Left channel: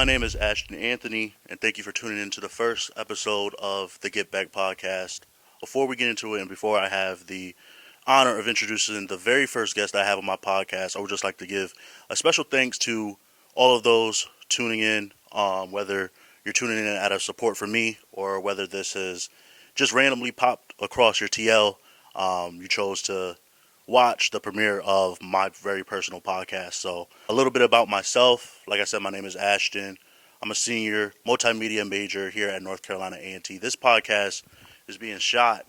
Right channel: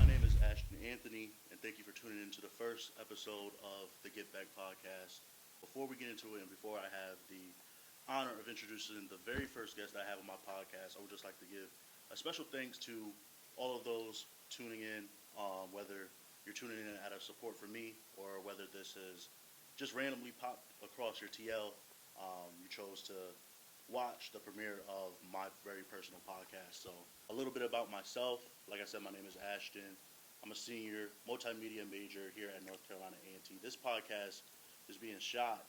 my name is Ashton Anthony, and thank you for tuning in to the first episode of the Get Back podcast. Before we get into it, and before I have the honor of introducing the very first guest I have on my podcast, I would just like to give a special thanks to all of those tuning in, whether you're tuning in out of support for me or whether this has just randomly popped across your TL. You chose to watch the premiere of my very personal podcast. So, a little bit about myself. Like I said, my name is Ashton. I'm a senior multimedia major here at North Carolina A&T. This podcast is being shot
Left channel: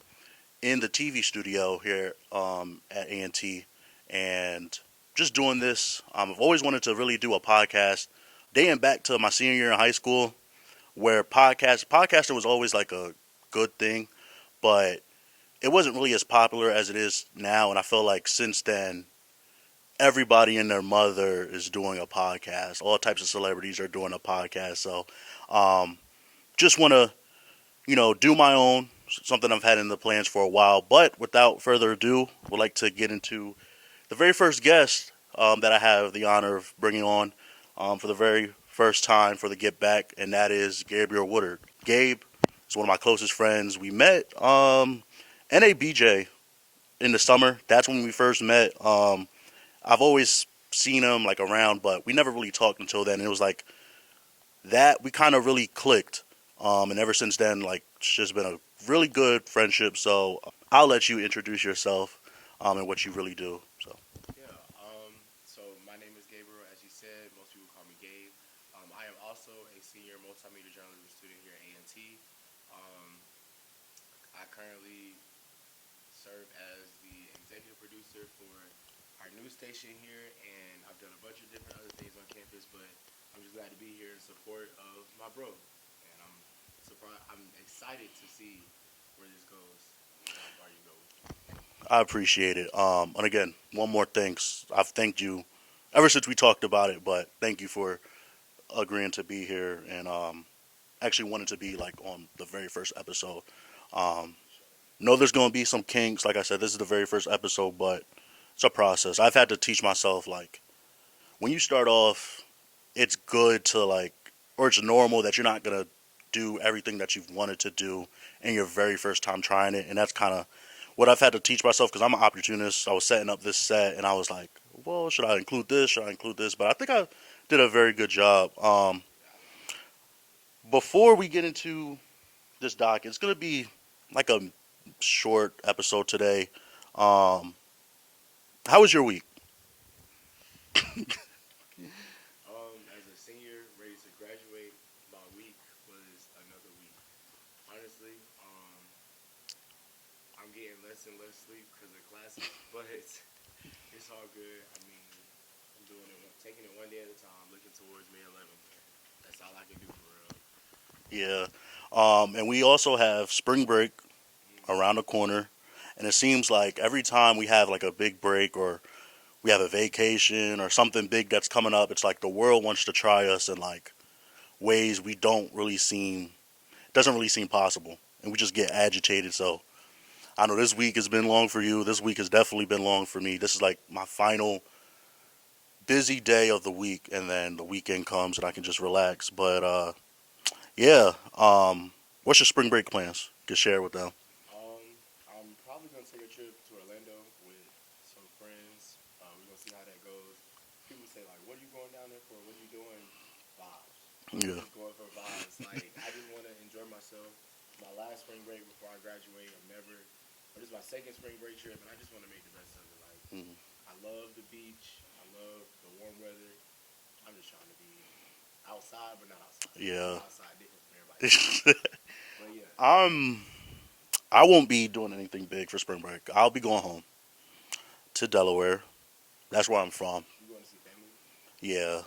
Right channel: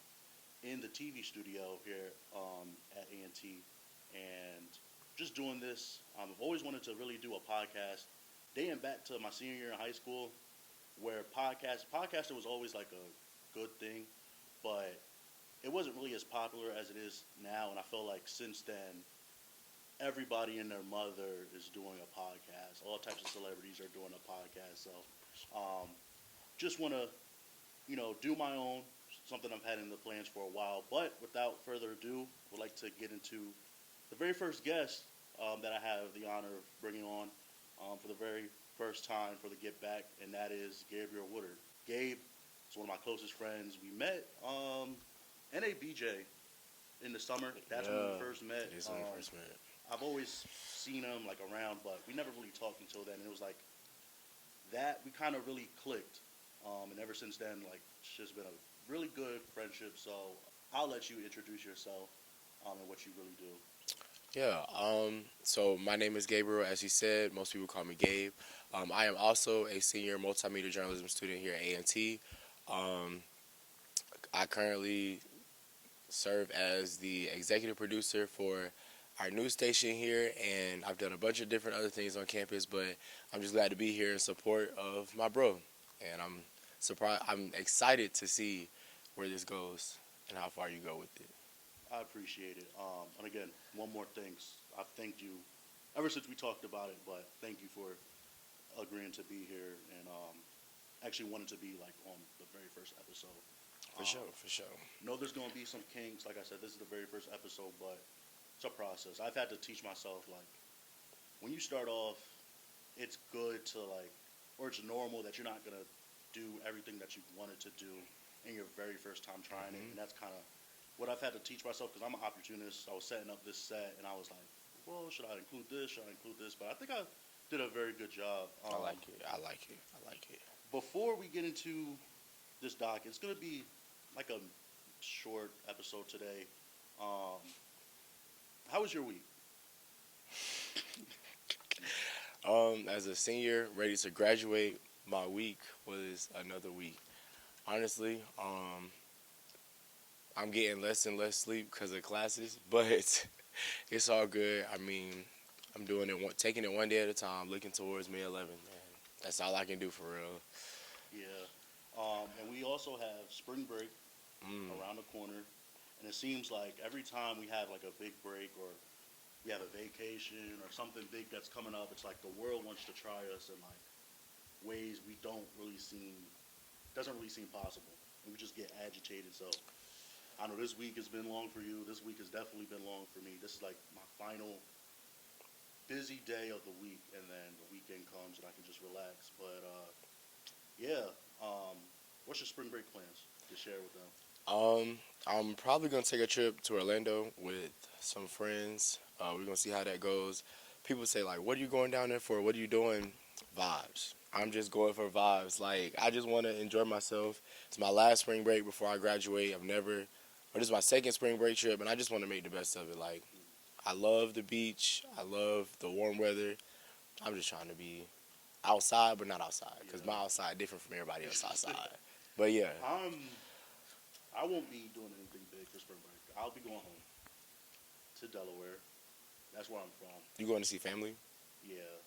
in the TV studio here at A&T, and just doing this. I've always wanted to really do a podcast, dating back to my senior year in high school, where podcasting was always like a good thing, but it wasn't really as popular as it is now. And I feel like since then, everybody and their mother is doing a podcast. All types of celebrities are doing a podcast. So, just want to, do my own, something I've had in the plans for a while. But without further ado, would like to get into the very first guest that I have the honor of bringing on for the very first time for the Get Back, and that is Gabriel Woodard. Gabe is one of my closest friends. We met NABJ in the summer. That's when we first met. I've always seen him like around, but we never really talked until then. And it was like that we kind of really clicked. And ever since then, like it's just been a really good friendship. So I'll let you introduce yourself and what you really do. So So my name is Gabriel, as you said. Most people call me Gabe. I am also a senior multimedia journalism student here at A&T. I currently serve as the executive producer for our news station here, and I've done a bunch of different other things on campus, but I'm just glad to be here in support of my bro. And I'm excited to see where this goes and how far you go with it. I appreciate it. And again, one more thanks. I've thanked you ever since we talked about it, but thank you for agreeing to be here and actually wanted to be like on the very first episode. For sure. Know there's going to be some kinks. Like I said, this is the very first episode, but it's a process. I've had to teach myself, like, when you start off, it's good to, like, or it's normal that you're not going to do everything that you've wanted to do in your very first time trying it. And that's kind of what I've had to teach myself because I'm an opportunist. I was setting up this set, and I was like, well, should I include this? Should I include this? But I think I did a very good job. I like it. Before we get into this doc, it's going to be like a short episode today. How was your week? As a senior ready to graduate, my week was another week. Honestly, I'm getting less and less sleep because of classes, but it's all good. I mean, I'm doing it, taking it one day at a time, looking towards May 11th. Man. That's all I can do for real. Yeah. And we also have spring break around the corner. And it seems like every time we have like a big break or we have a vacation or something big that's coming up, it's like the world wants to try us in like ways we doesn't really seem possible. And we just get agitated. So I know this week has been long for you. This week has definitely been long for me. This is like my final busy day of the week, and then the weekend comes and I can just relax. But yeah, what's your spring break plans? You can share with them. I'm probably gonna take a trip to Orlando with some friends. We're gonna see how that goes. People say like, "What are you going down there for? What are you doing?" Vibes. I'm just going for vibes. Like I just want to enjoy myself. It's my last spring break before I graduate. This is my second spring break trip, and I just want to make the best of it. Like I love the beach. I love the warm weather. I'm just trying to be outside, but not outside. Yeah. Not outside, different from everybody else outside. But yeah. I won't be doing anything big for spring break. I'll be going home to Delaware. That's where I'm from. You going to see family? Yeah.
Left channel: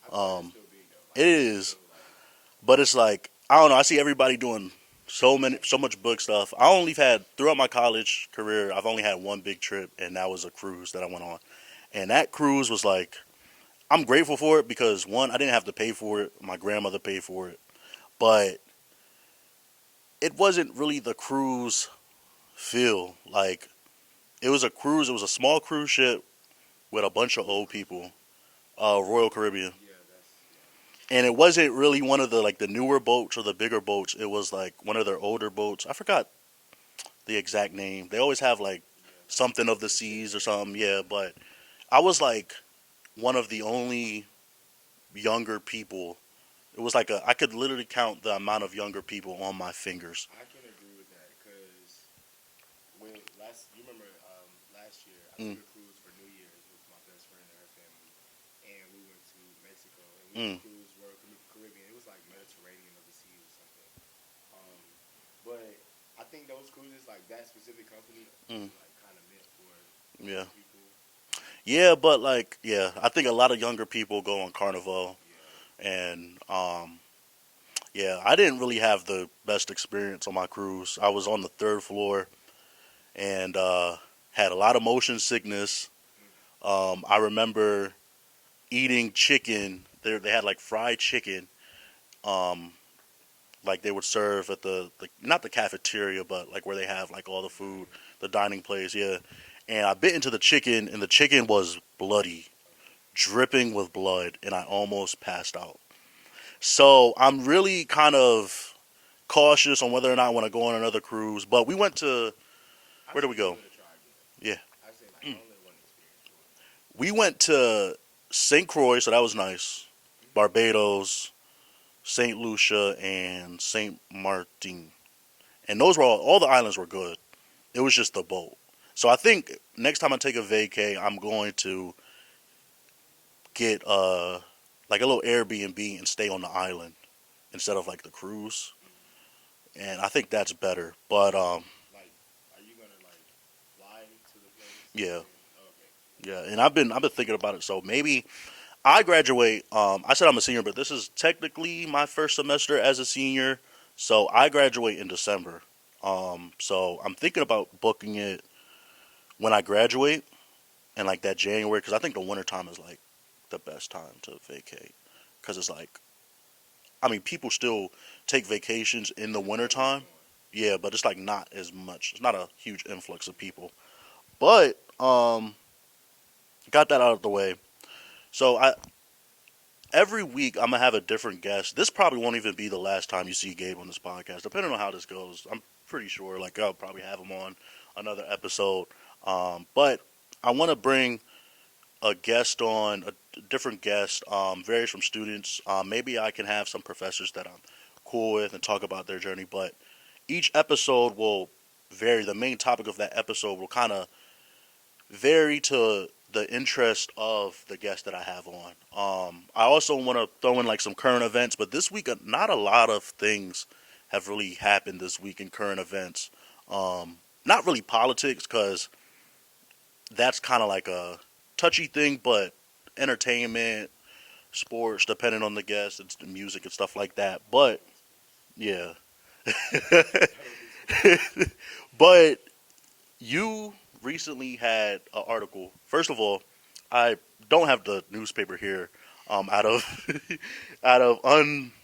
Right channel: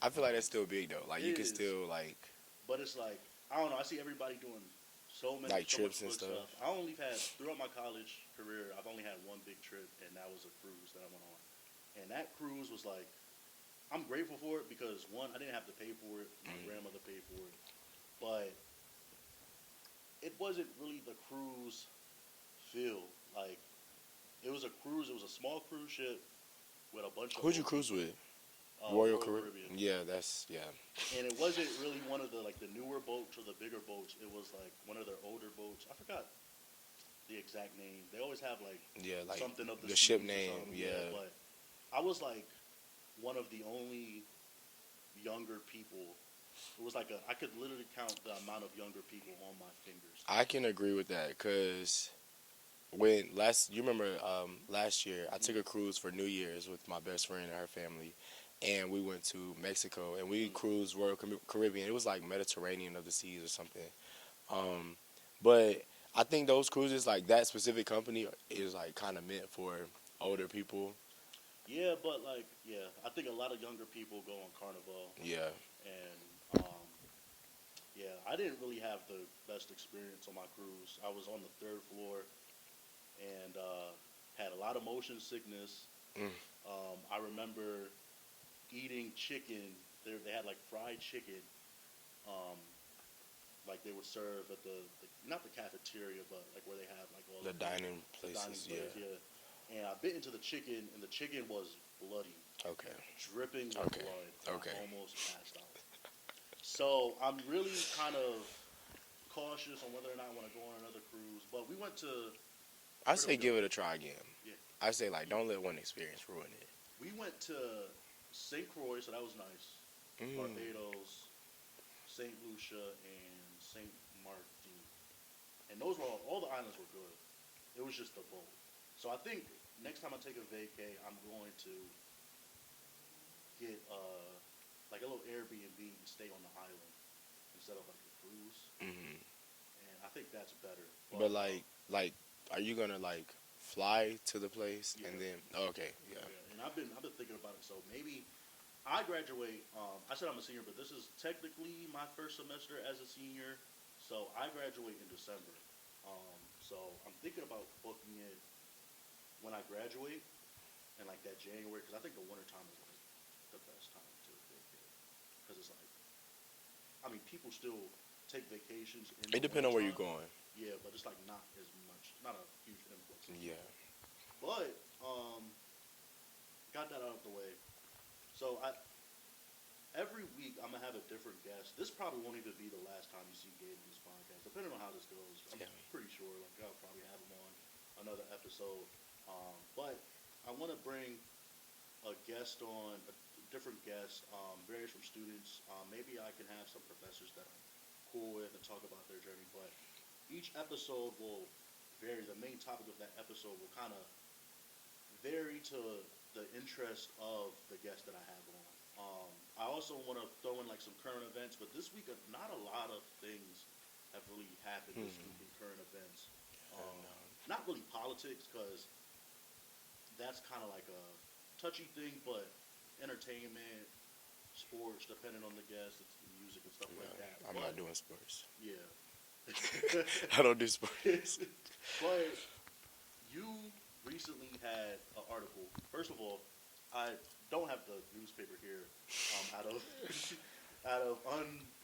I feel like it's still big though. Like it is. Still, like, but it's like I don't know. I see everybody doing so like much book stuff. I only had throughout my college career. I've only had one big trip, and that was a cruise that I went on. And that cruise was like, I'm grateful for it because one, I didn't have to pay for it. My grandmother paid for it, but it wasn't really the cruise feel. Like it was a cruise. It was a small cruise ship with a bunch of Who's your old cruise people. with? Royal Caribbean. Yeah, that's yeah. And it wasn't really one of the like the newer boats or the bigger boats. It was like one of their older boats. I forgot the exact name. They always have like Yeah, like something of the the ship seas or name. something. Yeah, Yeah. but I was like one of the only younger people. It was like I could literally count the amount of younger people on my fingers. I can agree with that because when you remember last year I took Mm, a cruise for New Year's with my best friend and her family, and we went to Mexico and we mm, cruised Royal Caribbean. It was like Mediterranean of the seas or something. Um, but I think those cruises, like that specific company, mm, is like kind of meant for yeah, older people. yeah, but like yeah, I think a lot of younger people go on Carnival, Yeah. and yeah, I didn't really have the best experience on my cruise. I was on the third floor and had a lot of motion sickness. Mm. I remember eating chicken. They had like fried chicken. Um, like they would serve at the not the cafeteria, but like where they have like all the The food, dining the dining places. place. Yeah. Yeah, and I bit into the chicken, and the chicken was bloody, Okay. dripping with blood, and I Okay. almost passed out. So I'm really kind of cautious on whether or not I want to go on another cruise. But we went to I where did we say give go? it a try again. Yeah, I say like mm. don't let one experience ruin We went to St. Croix, so that was nice. it. Barbados, St. Lucia, and St. Martin, and those were all the islands were good. It was just the boat. So I think next time I take a vacay, I'm going to get like a little Airbnb and stay on the island instead of like the cruise, Hmm. and I think that's better. But But like, are you gonna like fly to the place and yeah, then? Oh, okay, yeah. yeah, and I've been thinking about it. So maybe I graduate. I said I'm a senior, but this is technically my first semester as a senior. So I graduate in December. So I'm thinking about booking it when I graduate in like that January, because I think the winter time is like the best time to vacate, because it's like I mean people still take vacations in the It winter depends on where you're time. going. Yeah, but it's like not as much. It's not a huge influx of Yeah. people. But got that out of the way. So I every week I'm gonna have a different guest. This probably won't even be the last time you see Gabe on this podcast, depending on how this goes. I'm Yeah. pretty sure like I'll probably have him on another episode. But I want to bring a guest on, a different guest, varies from students. Maybe I can have some professors that I'm cool with and talk about their journey. But each episode will vary. The main topic of that episode will kind of vary to the interest of the guest that I have on. I also want to throw in like some current events, but this week not a lot of things have really happened this week in current events. Not really politics because that's kind of like a touchy thing, but entertainment, sports, depending on the guest, it's the music and stuff like that. I'm not But doing sports. yeah, I don't do sports. but you recently had an article. First of all, I don't have the newspaper here, out of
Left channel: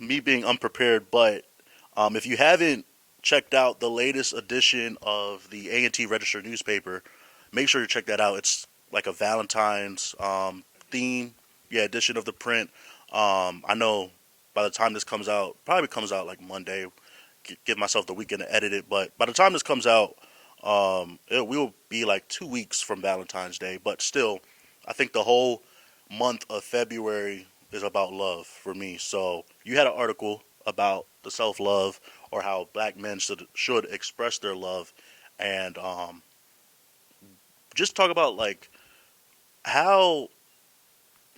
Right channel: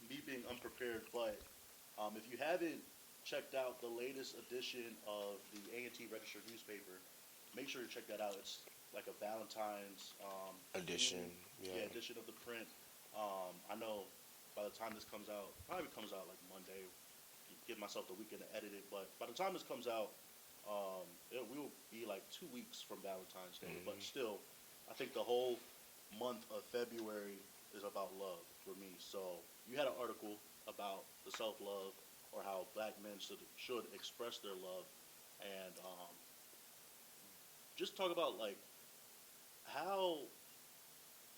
me being unprepared. But if you haven't checked out the latest edition of the A&T Register newspaper, make sure you check that out. It's like a Valentine's Addition. theme, Yeah. yeah, edition of the print. I know by the time this comes out, probably comes out like Monday. Give myself the weekend to edit it, but by the time this comes out, it will be like 2 weeks from Valentine's Day. But still, I think the whole month of February is about love for me. So you had an article about the self love or how black men should express their love, and just talk about like how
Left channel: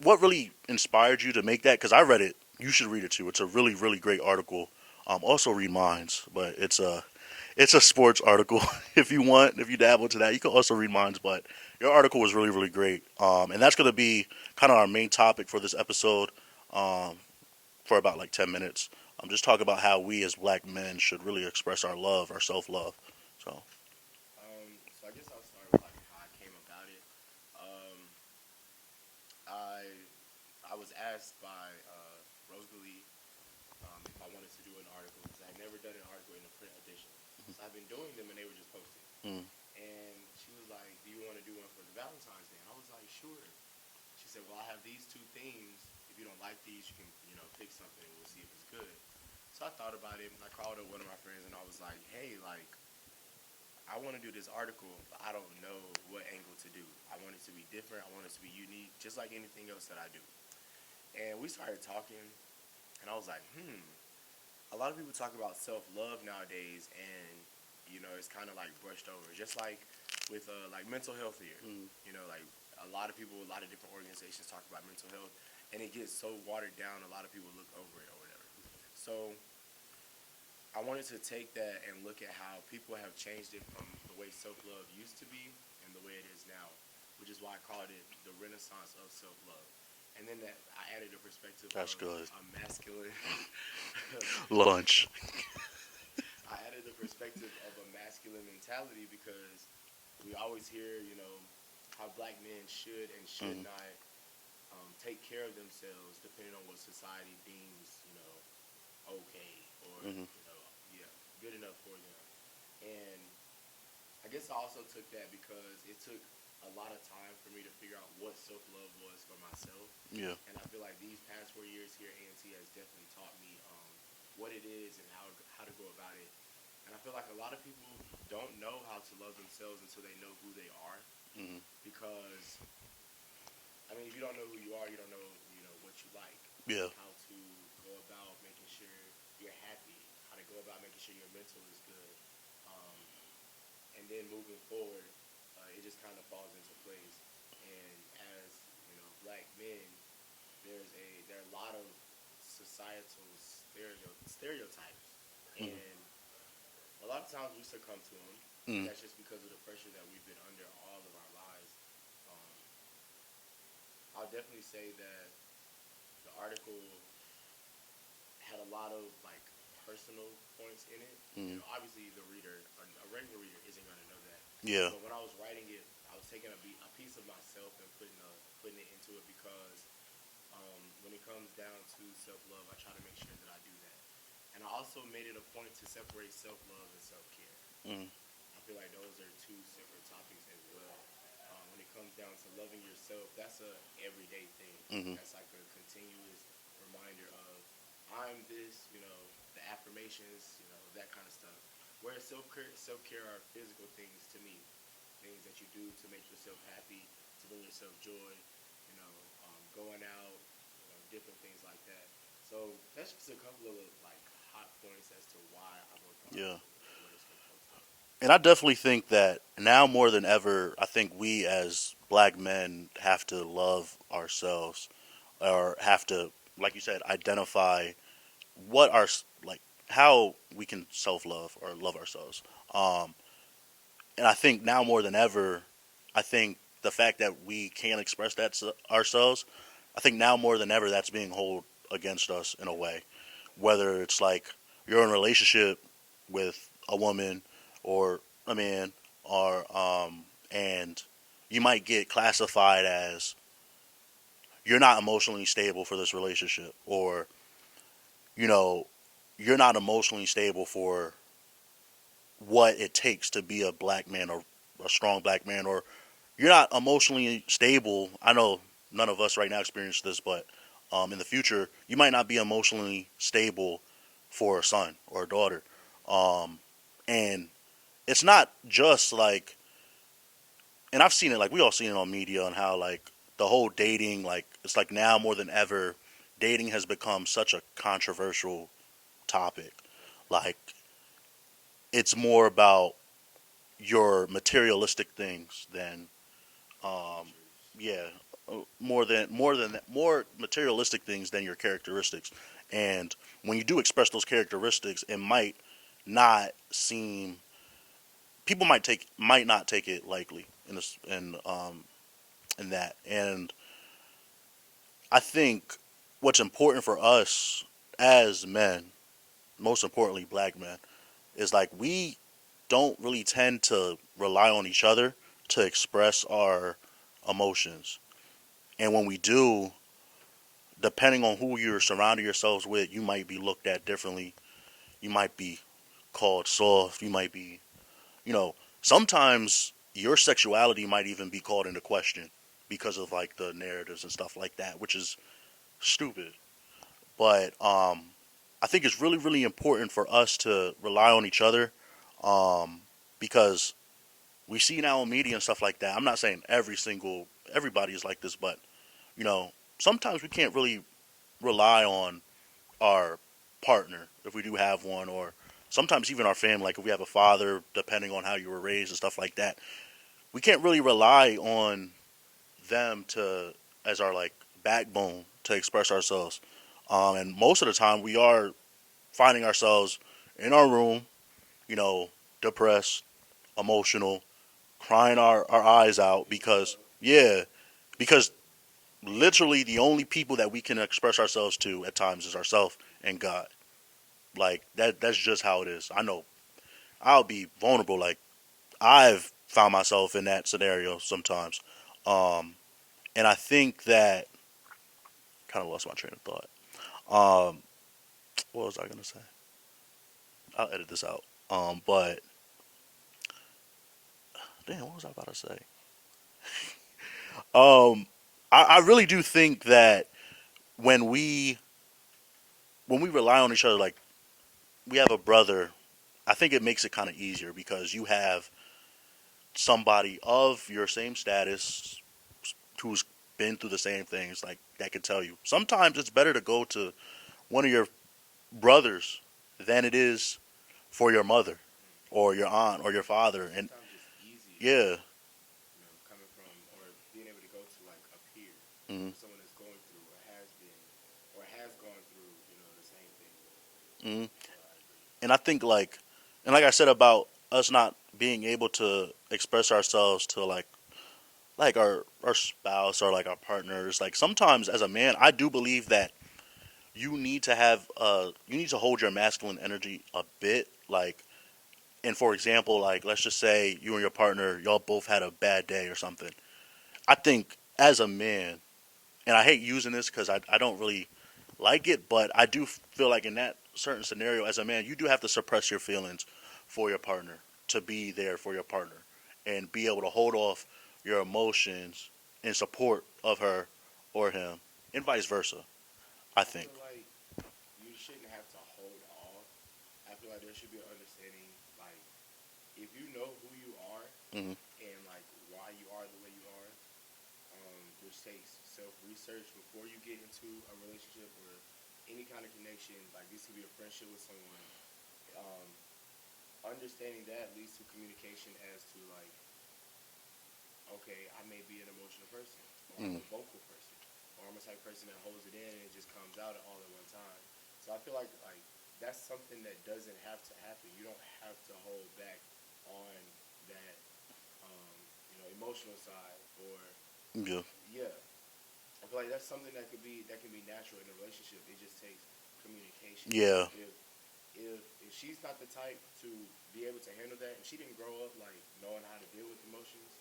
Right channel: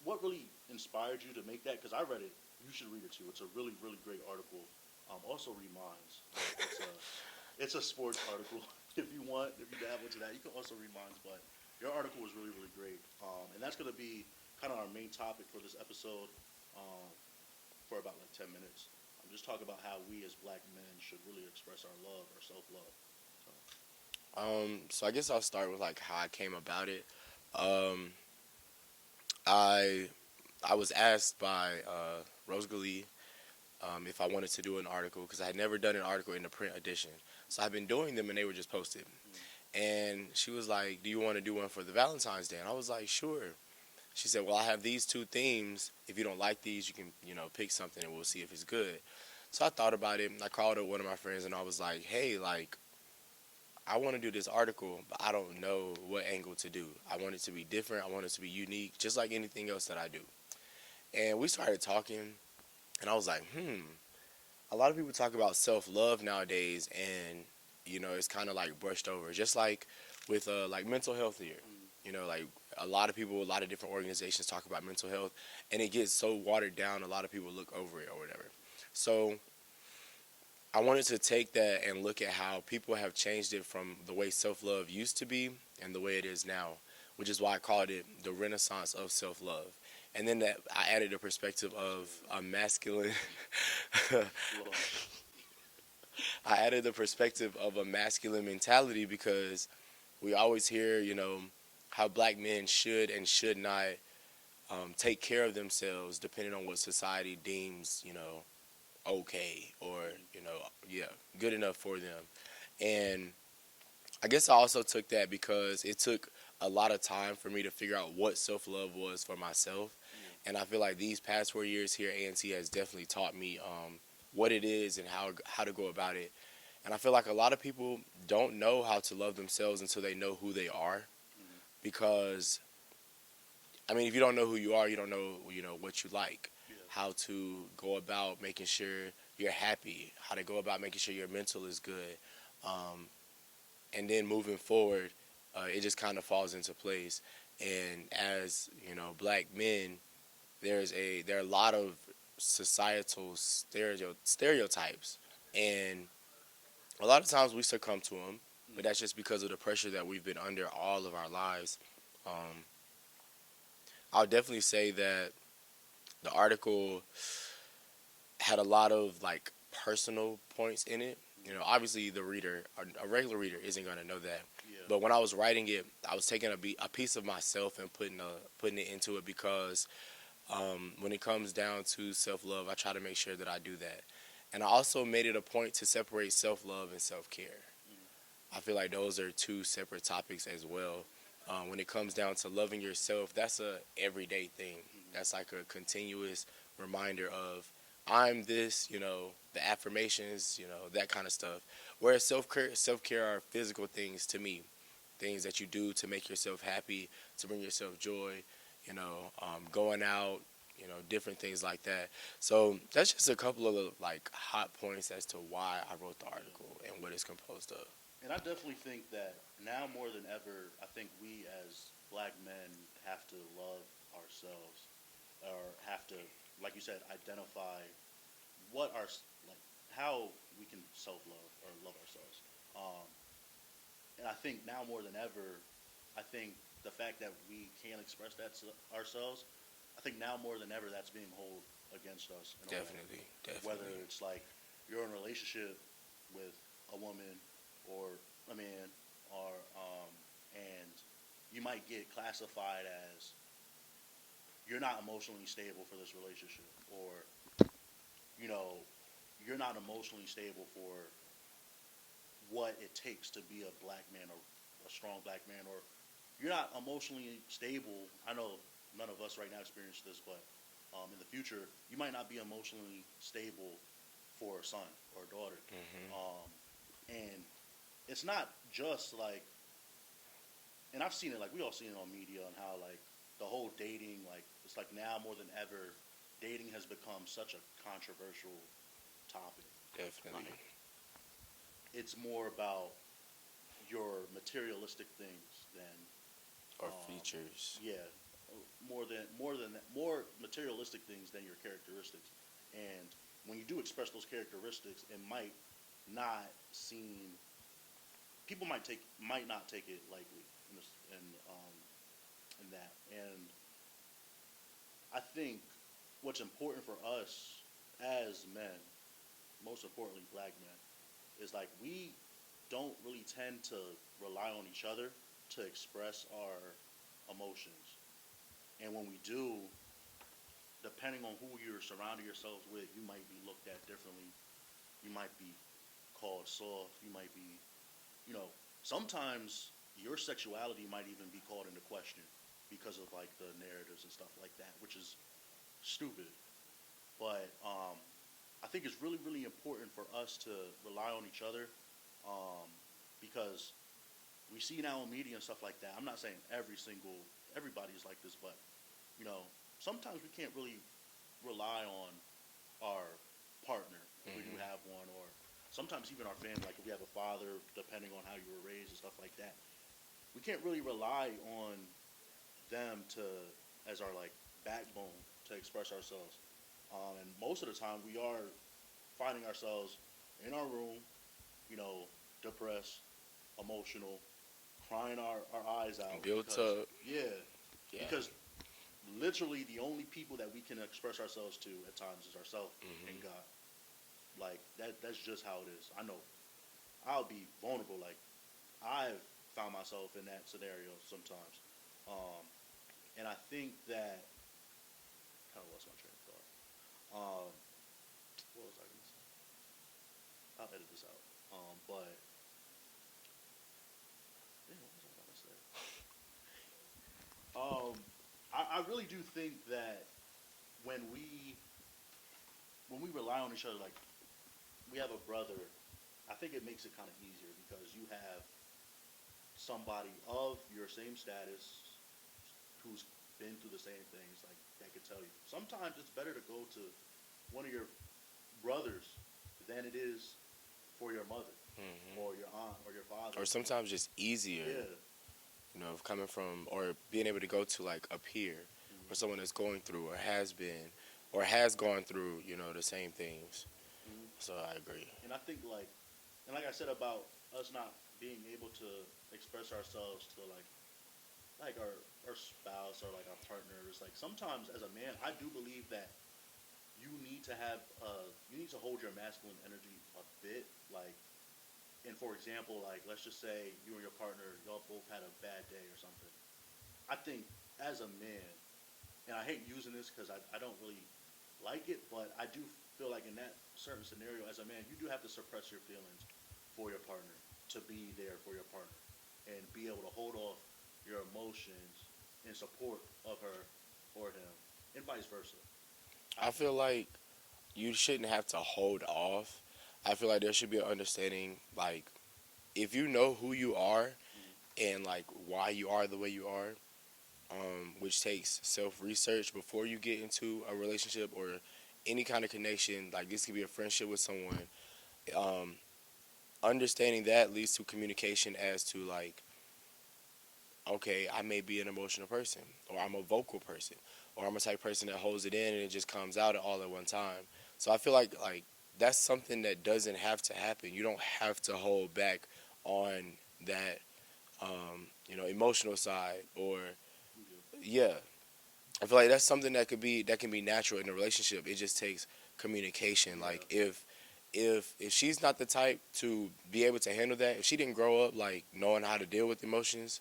what really inspired you to make that? Because I read it. You should read it too. It's a really really great article. Also read Minds, but it's a sports article. If you want, if you dabble into that, you can also read Minds. But your article was really really great, and that's going to be kind of our main topic for this episode, um, for about like 10 minutes. Just talk about how we as black men should really express our love, our self love. So So I guess I'll start with like how I came about it. Um, I I was asked by Rose Glee if I wanted to do an article because I had never done an article in the print edition. So I've been doing them and they were just posted. mm, And she was like, "Do you want to do one for the Valentine's Day?" And I was like, "Sure." She said, well, I have these two themes. If you don't like these, you can, pick something and we'll see if it's good. So I thought about it. And I called up one of my friends and I was like, hey, like, I want to do this article, but I don't know what angle to do. I want it to be different. I want it to be unique, just like anything else that I do. And we started talking, and I was like, a lot of people talk about self-love nowadays, and, it's kind of like brushed over. Just like with, like mental health here. Like a lot of people, a lot of different organizations talk about mental health, and it gets so watered down, a lot of people look over it or whatever. So I wanted to take that and look at how people have changed it from the way self-love used to be and the way it is now, which is why I called it the renaissance of self-love. And then that I added the perspective That's of good. a masculine. Lunch. I added the perspective of a masculine mentality because we always hear, how black men should and should not take care of themselves depending on what society deems, okay or yeah, good enough for them. And I guess I also took that because it took a lot of time for me to figure out what self-love was for myself. Yeah. And I feel like these past 4 years here at A&T has definitely taught me what it is and how to go about it. And I feel like a lot of people don't know how to love themselves until they know who they are. Because I mean, if you don't know who you are, you don't know, what you like. Yeah. How to go about making sure you're happy. How to go about making sure your mental is good. And then moving forward, it just kind of falls into place. And as black men, there are a lot of societal stereotypes, and a lot of times we succumb to them. But that's just because of the pressure that we've been under all of our lives. Um, I'll definitely say that the article had a lot of like personal points in it. Obviously the reader, a regular reader, isn't going to know that. Yeah. But when I was writing it, I was taking a piece of myself and putting it into it because when it comes down to self-love, I try to make sure that I do that. And I also made it a point to separate self-love and self-care. I feel like those are two separate topics as well. When it comes down to loving yourself, that's a everyday thing. That's like a continuous reminder of I'm this, the affirmations, that kind of stuff. Whereas self-care are physical things to me, things that you do to make yourself happy, to bring yourself joy, going out, different things like that. So that's just a couple of the like hot points as to why I wrote the article and what it's composed of. And I definitely think that now more than ever, I think we as black men have to love ourselves, or have to, like you said, identify what our like how we can self love or love ourselves. Um, and I think now more than ever, I think the fact that we can't express that to ourselves, I think now more than ever that's being held against us in a way. Definitely. Whether it's like you're in a relationship with a woman or a man, or and you might get classified as you're not emotionally stable for this relationship, or you know you're not emotionally stable for what it takes to be a black man or a strong black man, or you're not emotionally stable. I know none of us right now experience this, but in the future, you might not be emotionally stable for a son or a daughter. And it's not just like, and I've seen it, like we all seen it on media, on how like the whole dating, like it's like now more than ever, dating has become such a controversial topic. Definitely. Like it's more about your materialistic things than Features. yeah, more materialistic things than your characteristics. And when you do express those characteristics, it might not seem, people might not take it likely in that. And I think what's important for us as men, most importantly black men, is like we don't really tend to rely on each other to express our emotions. And when we do, depending on who you're surrounding yourselves with, you might be looked at differently. You might be called soft. You might be, sometimes your sexuality might even be called into question. because of like the narratives and stuff like that, which is stupid. But I think it's really, really important for us to rely on each other, um, because we see now in media and stuff like that. I'm not saying everybody is like this, but you know, sometimes we can't really rely on our partner if we do have one, or sometimes even our family. Like if we have a father, depending on how you were raised and stuff like that, we can't really rely on them to as our like backbone to express ourselves. And most of the time, we are finding ourselves in our room, you know, depressed, emotional, crying our eyes out Built because up. yeah, Yeah. because literally the only people that we can express ourselves to at times is ourselves and Hmm. God. Like that's just how it is. I know I'll be vulnerable. Like I've found myself in that scenario sometimes. Um, and I think that kind of lost my train of thought. Um, what was I gonna say? I'll edit this out. But damn, what was I about to say? Um, I really do think that when we when we rely on each other, like we have a brother, I think it makes it kind of easier because you have somebody of your same status who's been through the same things, like that can tell you. Sometimes it's better to go to one of your brothers than it is for your mother Hmm. or your aunt or your Or father. And sometimes just easier, yeah, coming from or being able to go to like a peer mm-hmm, or someone that's going through or has been or has gone through, the same things. mm-hmm. So I agree. And I think like I said about us not being able to express ourselves to like our spouse or like our partners. Like sometimes as a man, I do believe that you need to hold your masculine energy a bit. Like, and for example, like let's just say you and your partner y'all both had a bad day or something. I think as a man, and I hate using this because I don't really like it, but I do feel like in that certain scenario, as a man, you do have to suppress your feelings for your partner to be there for your partner and be able to hold off your emotions in support of her or him, and vice versa. I I think. feel like you shouldn't have to hold off. I feel like there should be an understanding, like if you know who you are Hmm. and like why you are the way you are, which takes self research before you get into a relationship or any kind of connection. Like this could be a friendship with someone. Um, Understanding that leads to communication as to like, okay, I may be an emotional person, or I'm Hmm. a vocal person, or I'm a type of person that holds it in and it just comes out all at one time. So I feel like that's something that doesn't have to happen. You don't have to hold back on that, emotional side or Yeah. yeah. I feel like that's something that can be natural in a relationship. It just takes communication. Like Yeah. if she's not the type to be able to handle that, if she didn't grow up like knowing how to deal with emotions,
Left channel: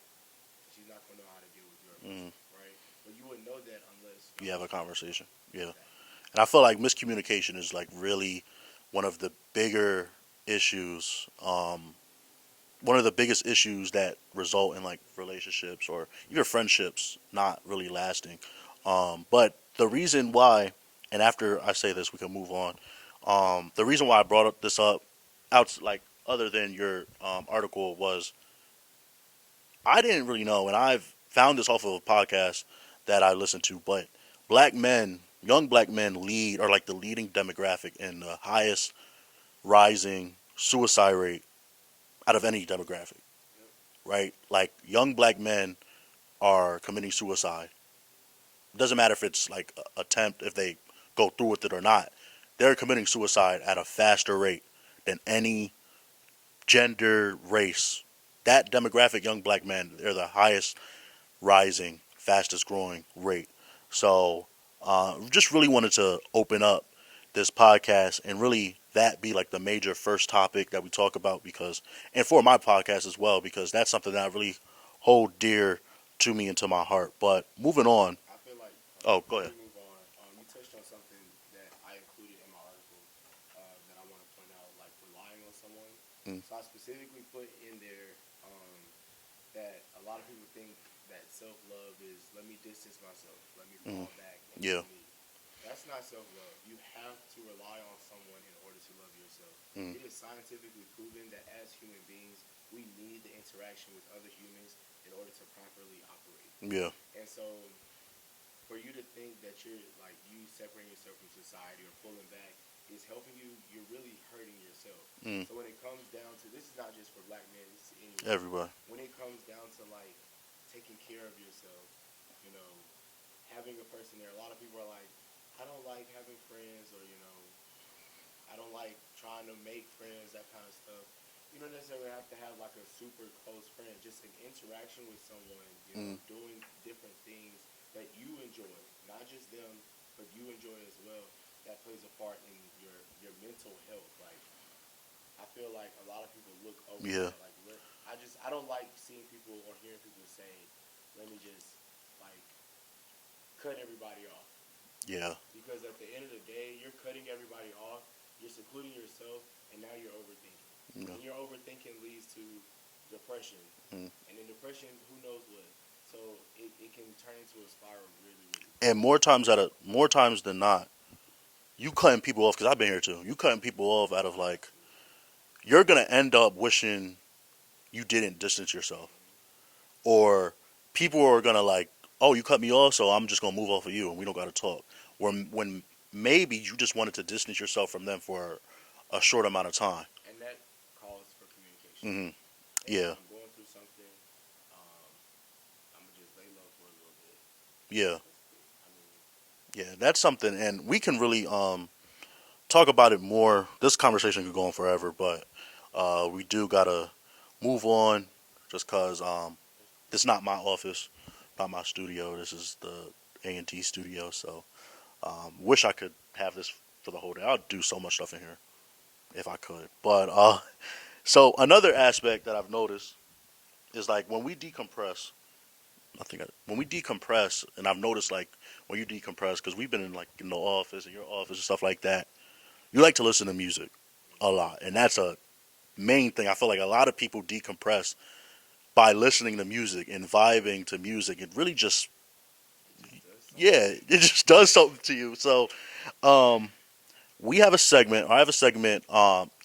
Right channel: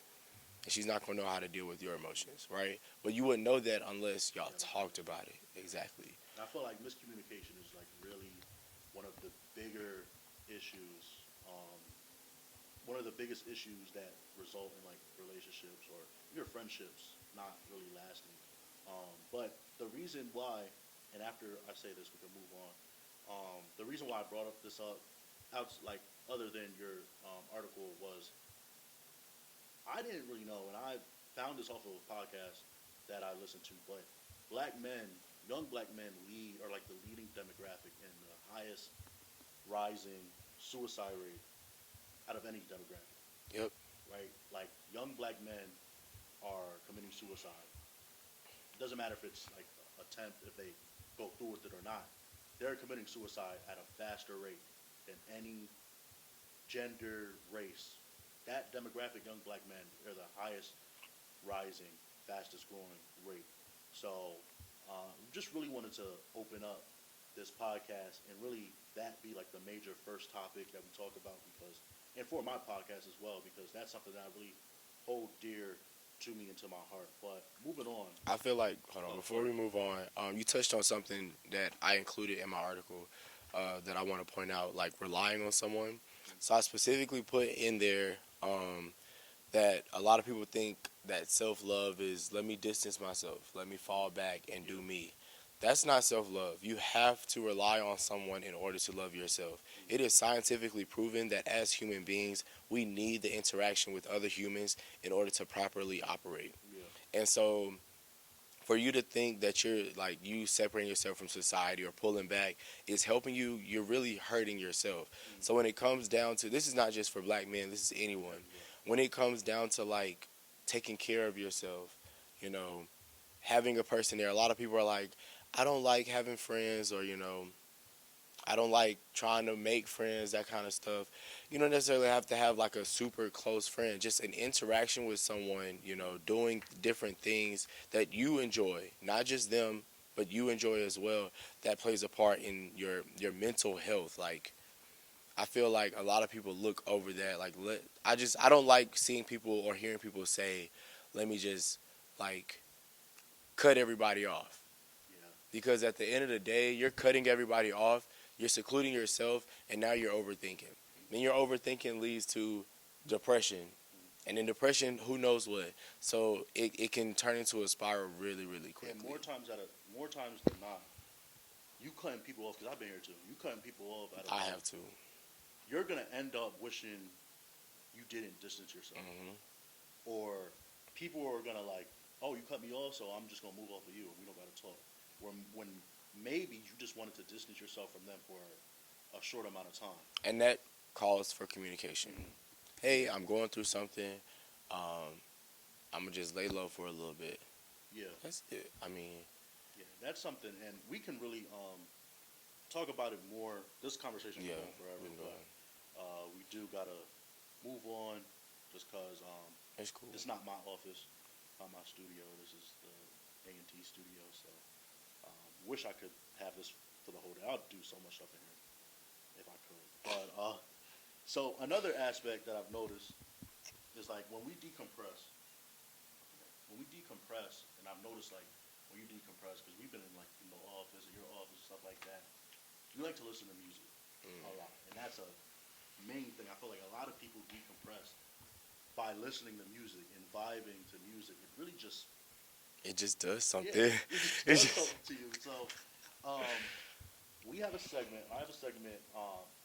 she's not gonna know how to deal with your Hmm. emotions, right? But you wouldn't know that unless You y'all have a talked about conversation. it. Yeah. Exactly. And I feel like miscommunication is like really one of the bigger issues. One of the biggest issues that result in like relationships or even friendships not really lasting. But the reason why, and after I say this, we can move on. The reason why I brought this up, out like other than your article, was I didn't really know, and I've found this off of a podcast that I listened to. But black men, young black men, lead are like the leading demographic in the highest rising suicide rate out of any demographic, Yep. right? Like young black men are committing suicide. It doesn't matter if it's like a attempt, if they go through with it or not. They're committing suicide at a faster rate than any gender, race. That demographic, young black men, they're the highest rising, fastest growing rate. So, just really wanted to open up this podcast and really that be like the major first topic that we talk about because, and for my podcast as well, because that's something that I really hold dear to me and to my heart. But moving on. I feel like hold on, Oh, go before we ahead. move on, you touched on something that I included in my article that I want to point out, like relying on someone. Mm, So I specifically put in there um, that a lot of people think that self-love is let me distance myself, let me fall back and Yeah. do me. That's not self-love. You have to rely on someone in order to love yourself. It is scientifically proven that as human beings, we need the interaction with other humans in order to properly operate. Yeah. And so for you to think that you're like you separating yourself from society or pulling back is helping you, you're really hurting yourself. Mm. So when it comes down to, this is not just for black men, this is anyone. Everybody. When it comes down to like taking care of yourself, you know, having a person there, a lot of people are like, I don't like having friends, or I don't like trying to make friends, that kind of stuff. You don't necessarily have to have like a super close friend. Just an interaction with someone, doing different things that you enjoy, not just them, but you enjoy as well. That plays a part in your mental health. Like, I feel like a lot of people look over Yeah. that. Like, I don't like seeing people or hearing people say, "Let me just like cut everybody off." Yeah. Because at the end of the day, you're cutting everybody off, you're secluding yourself, and now you're overthinking. Yeah. And your overthinking leads to depression. And in depression, who knows what. So it can turn into a spiral really, really quick. And more times than not, you cutting people off, because I've been here too. You cutting people off out of I like, have to. you're gonna end up wishing you didn't distance yourself, or people are gonna like, oh, you cut me off, so I'm just gonna move off of you, and we don't gotta talk. When maybe you just wanted to distance yourself from them for a short amount of time. And that calls for communication. Hmm. Hey, Yeah. I'm going through something. I'm going to just lay low for a little bit. Yeah. That's it. I mean, Yeah. That's something, and we can really talk about it more. This conversation can go on forever, but we do gotta move on, just cause it's cool. this is not my office, not my studio. This is the A&T studio. So wish I could have this for the whole day. I'd do so much stuff in here if I could. But so another aspect that I've noticed is like when we decompress. When we decompress, and I've noticed like when you decompress, because we've been in the office, in your office, and stuff like that. You like to listen to music a lot, and that's a main thing. I feel like a lot of people decompress by listening to music and vibing to music. It really just, It just does something. yeah, it just does something to you. So, um, we have a segment. I have a segment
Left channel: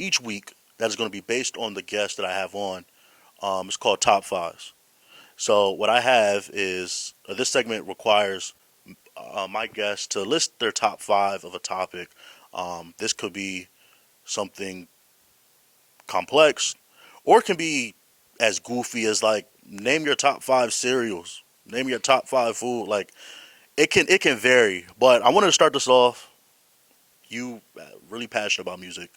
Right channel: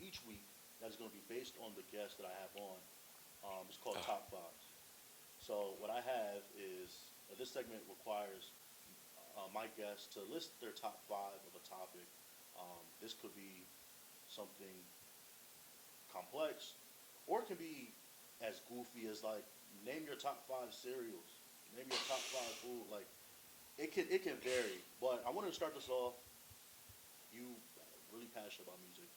each week that is going to be based on the guest that I have on. It's called Top Fives. So what I have is this segment requires my guests to list their top five of a topic. This could be something complex, or it can be as goofy as like name your top five cereals, name your top five food. Like it can vary. But I wanted to start this off. You really passionate about music,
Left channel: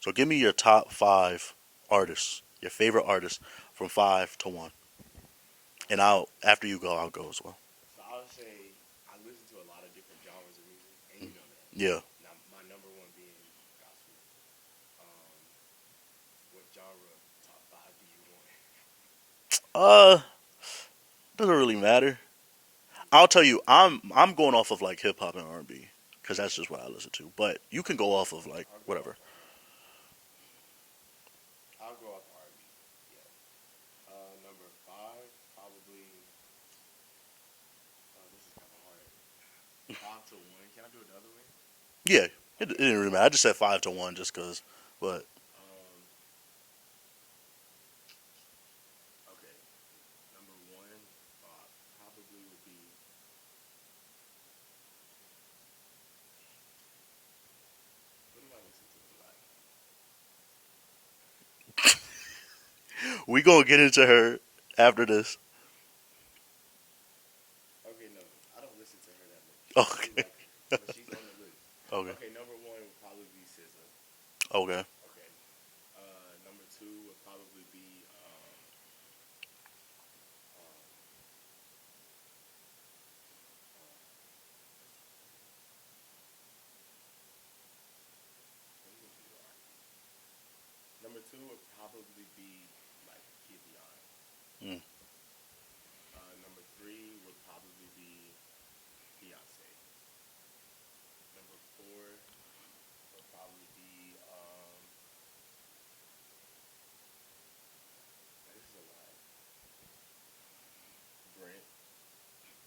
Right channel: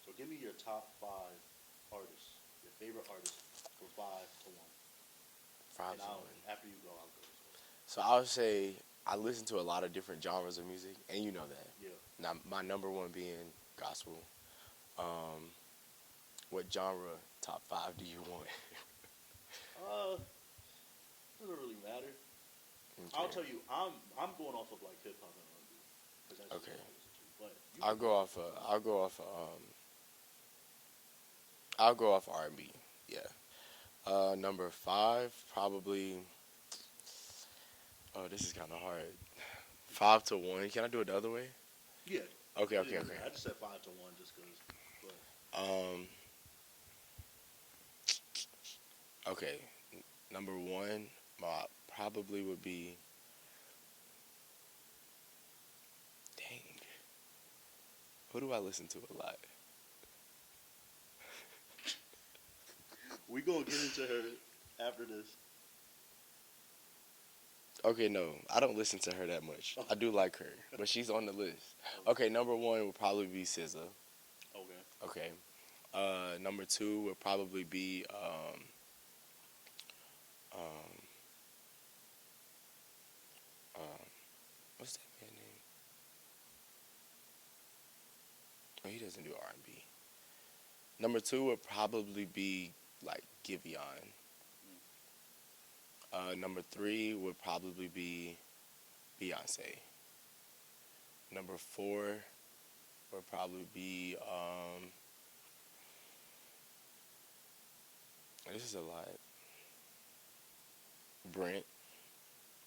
so give me your top five artists, your favorite artists from 5 to 1, and I'll after you go, I'll go as well. So I would say I listen to a lot of different genres of music, and you know that. Yeah. Now, my number one being gospel. What genre top five do you want? Uh, doesn't really matter. I'll tell you, I'm going off of like hip hop and R&B because that's just what I listen to. But you can go off of like I'll go whatever. off. I'll go off R&B. Yeah. Number five, probably. Oh, this is kind of hard. 5 to 1. Can I do it the other way? Yeah, it Okay, didn't really matter. I just said 5 to 1 just because. But Okay. Number one, my probably would be. Dang. Who do I listen to a lot? we gonna get into her after this. Okay, no, I don't listen to her that much. Okay. I do like her, but she's on the list. Okay. Okay, number one would probably be SZA. Okay. Okay. Number two would probably be what's that man name? Oh, he doesn't do R&B. Number two would probably be like Giveon. Mm. Number three would probably be Beyonce. Number four would probably be this is a lot. Brent.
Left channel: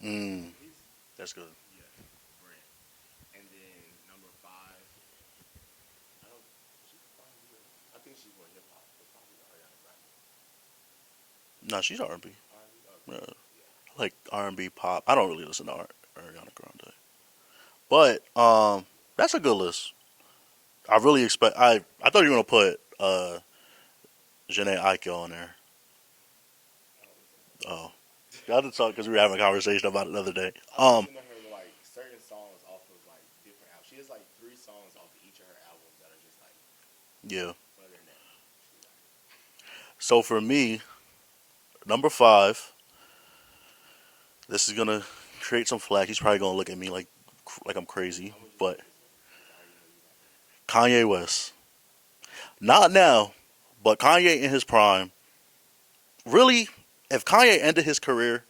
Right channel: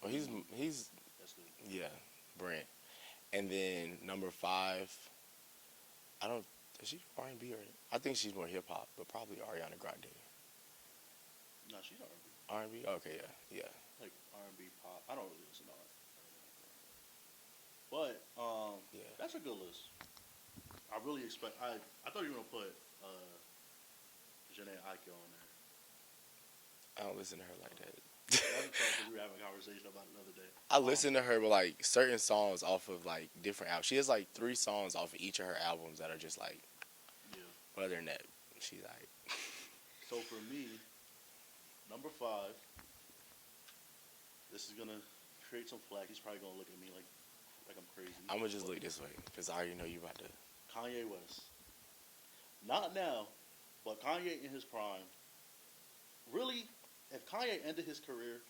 Mm, He's that's good. yeah, Brent. And then number five, I don't. Is she R&B or? I think she's more hip hop, but probably Ariana Grande. No, she's R&B. R&B. Okay, Yeah. yeah, I like R&B pop. I don't really listen to Ariana Grande, but yeah. that's a good list. I really expect. I thought you were gonna put Janae Aiko on there. I don't listen to her like Oh, that. I had to talk because we were having a conversation about it the other day. I listen to her with like certain songs off of like different albums. She has like three songs off of each of her albums that are just like. Yeah. Other than that, she's like. So for me, number five. This is gonna create some flack. He's probably gonna look at me like I'm crazy. I'm gonna just But look this way because I already know you about to. Kanye West, not now, but Kanye in his prime. Really, if Kanye ended his career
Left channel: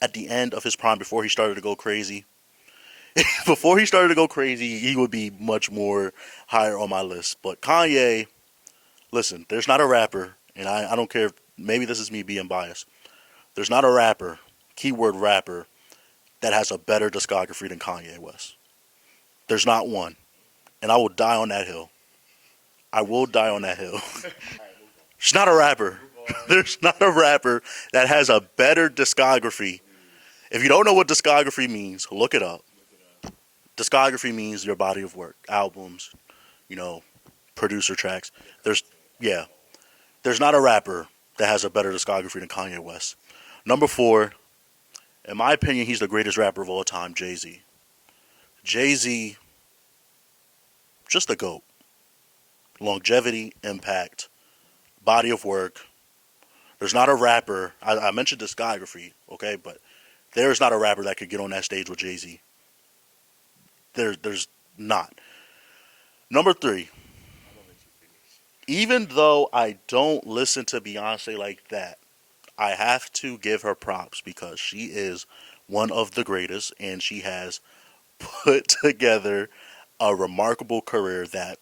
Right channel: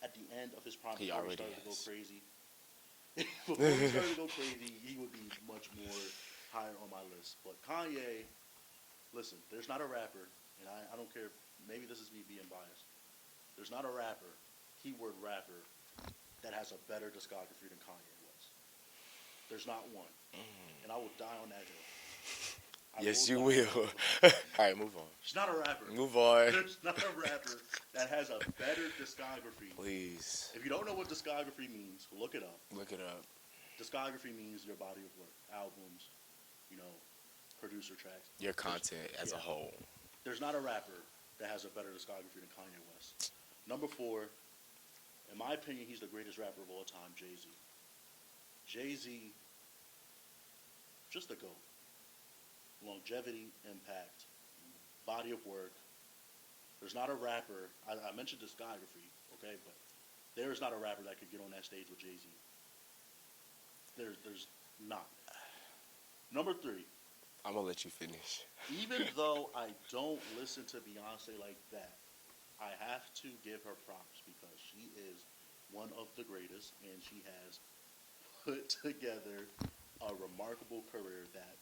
at the end of his prime Be before on he the started to go list. crazy, before he started to go crazy, he would be much more higher on my list. But Kanye, listen, there's not a rapper, and I don't care if maybe this is me being biased. There's not a rapper, keyword rapper, that has a better discography than Kanye West. There's not one. And I will die on that hill. I will Yes, you die will. on that hill. All right, move on. There's not a rapper. Move on. There's not a rapper that has a better discography. Please If you don't know what discography means, look it up. look it up. Discography means your body of work, albums, you know, producer tracks. Your There's content as yeah. a whole. There's not a rapper that has a better discography than Kanye West. Number four, in my opinion, he's the greatest rapper of all time, Jay-Z. Jay-Z, just a GOAT. Longevity, impact, body of work. There's not a rapper. I mentioned discography, okay, but there's not a rapper that could get on that stage with Jay Z. There's not. Number three. I'm gonna let you finish. Even though I don't listen to Beyonce like that, I have to give her props because she is one of the greatest, and she has put together a remarkable career that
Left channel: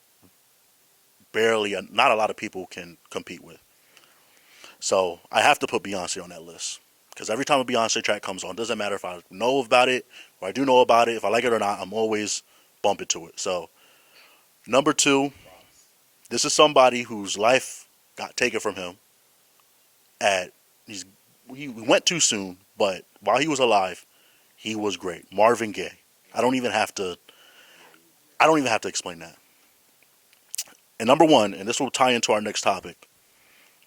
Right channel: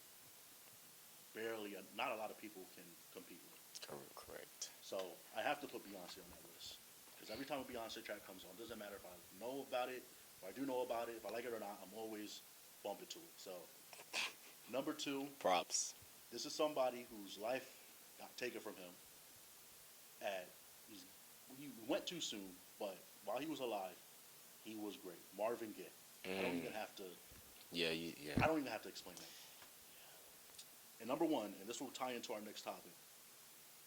barely, not a lot of people can compete with. Correct. So I have to put Beyonce on that list because every time a Beyonce track comes on, doesn't matter if I know about it or I do know about it, if I like it or not, I'm always bumping to it. So number two, Props. this is somebody whose life got taken from him. At he went too soon, but while he was alive, he was great. Marvin Gaye. I don't even have to. Yeah, yeah. I don't even have to explain that. And number one, and this will tie into our next topic.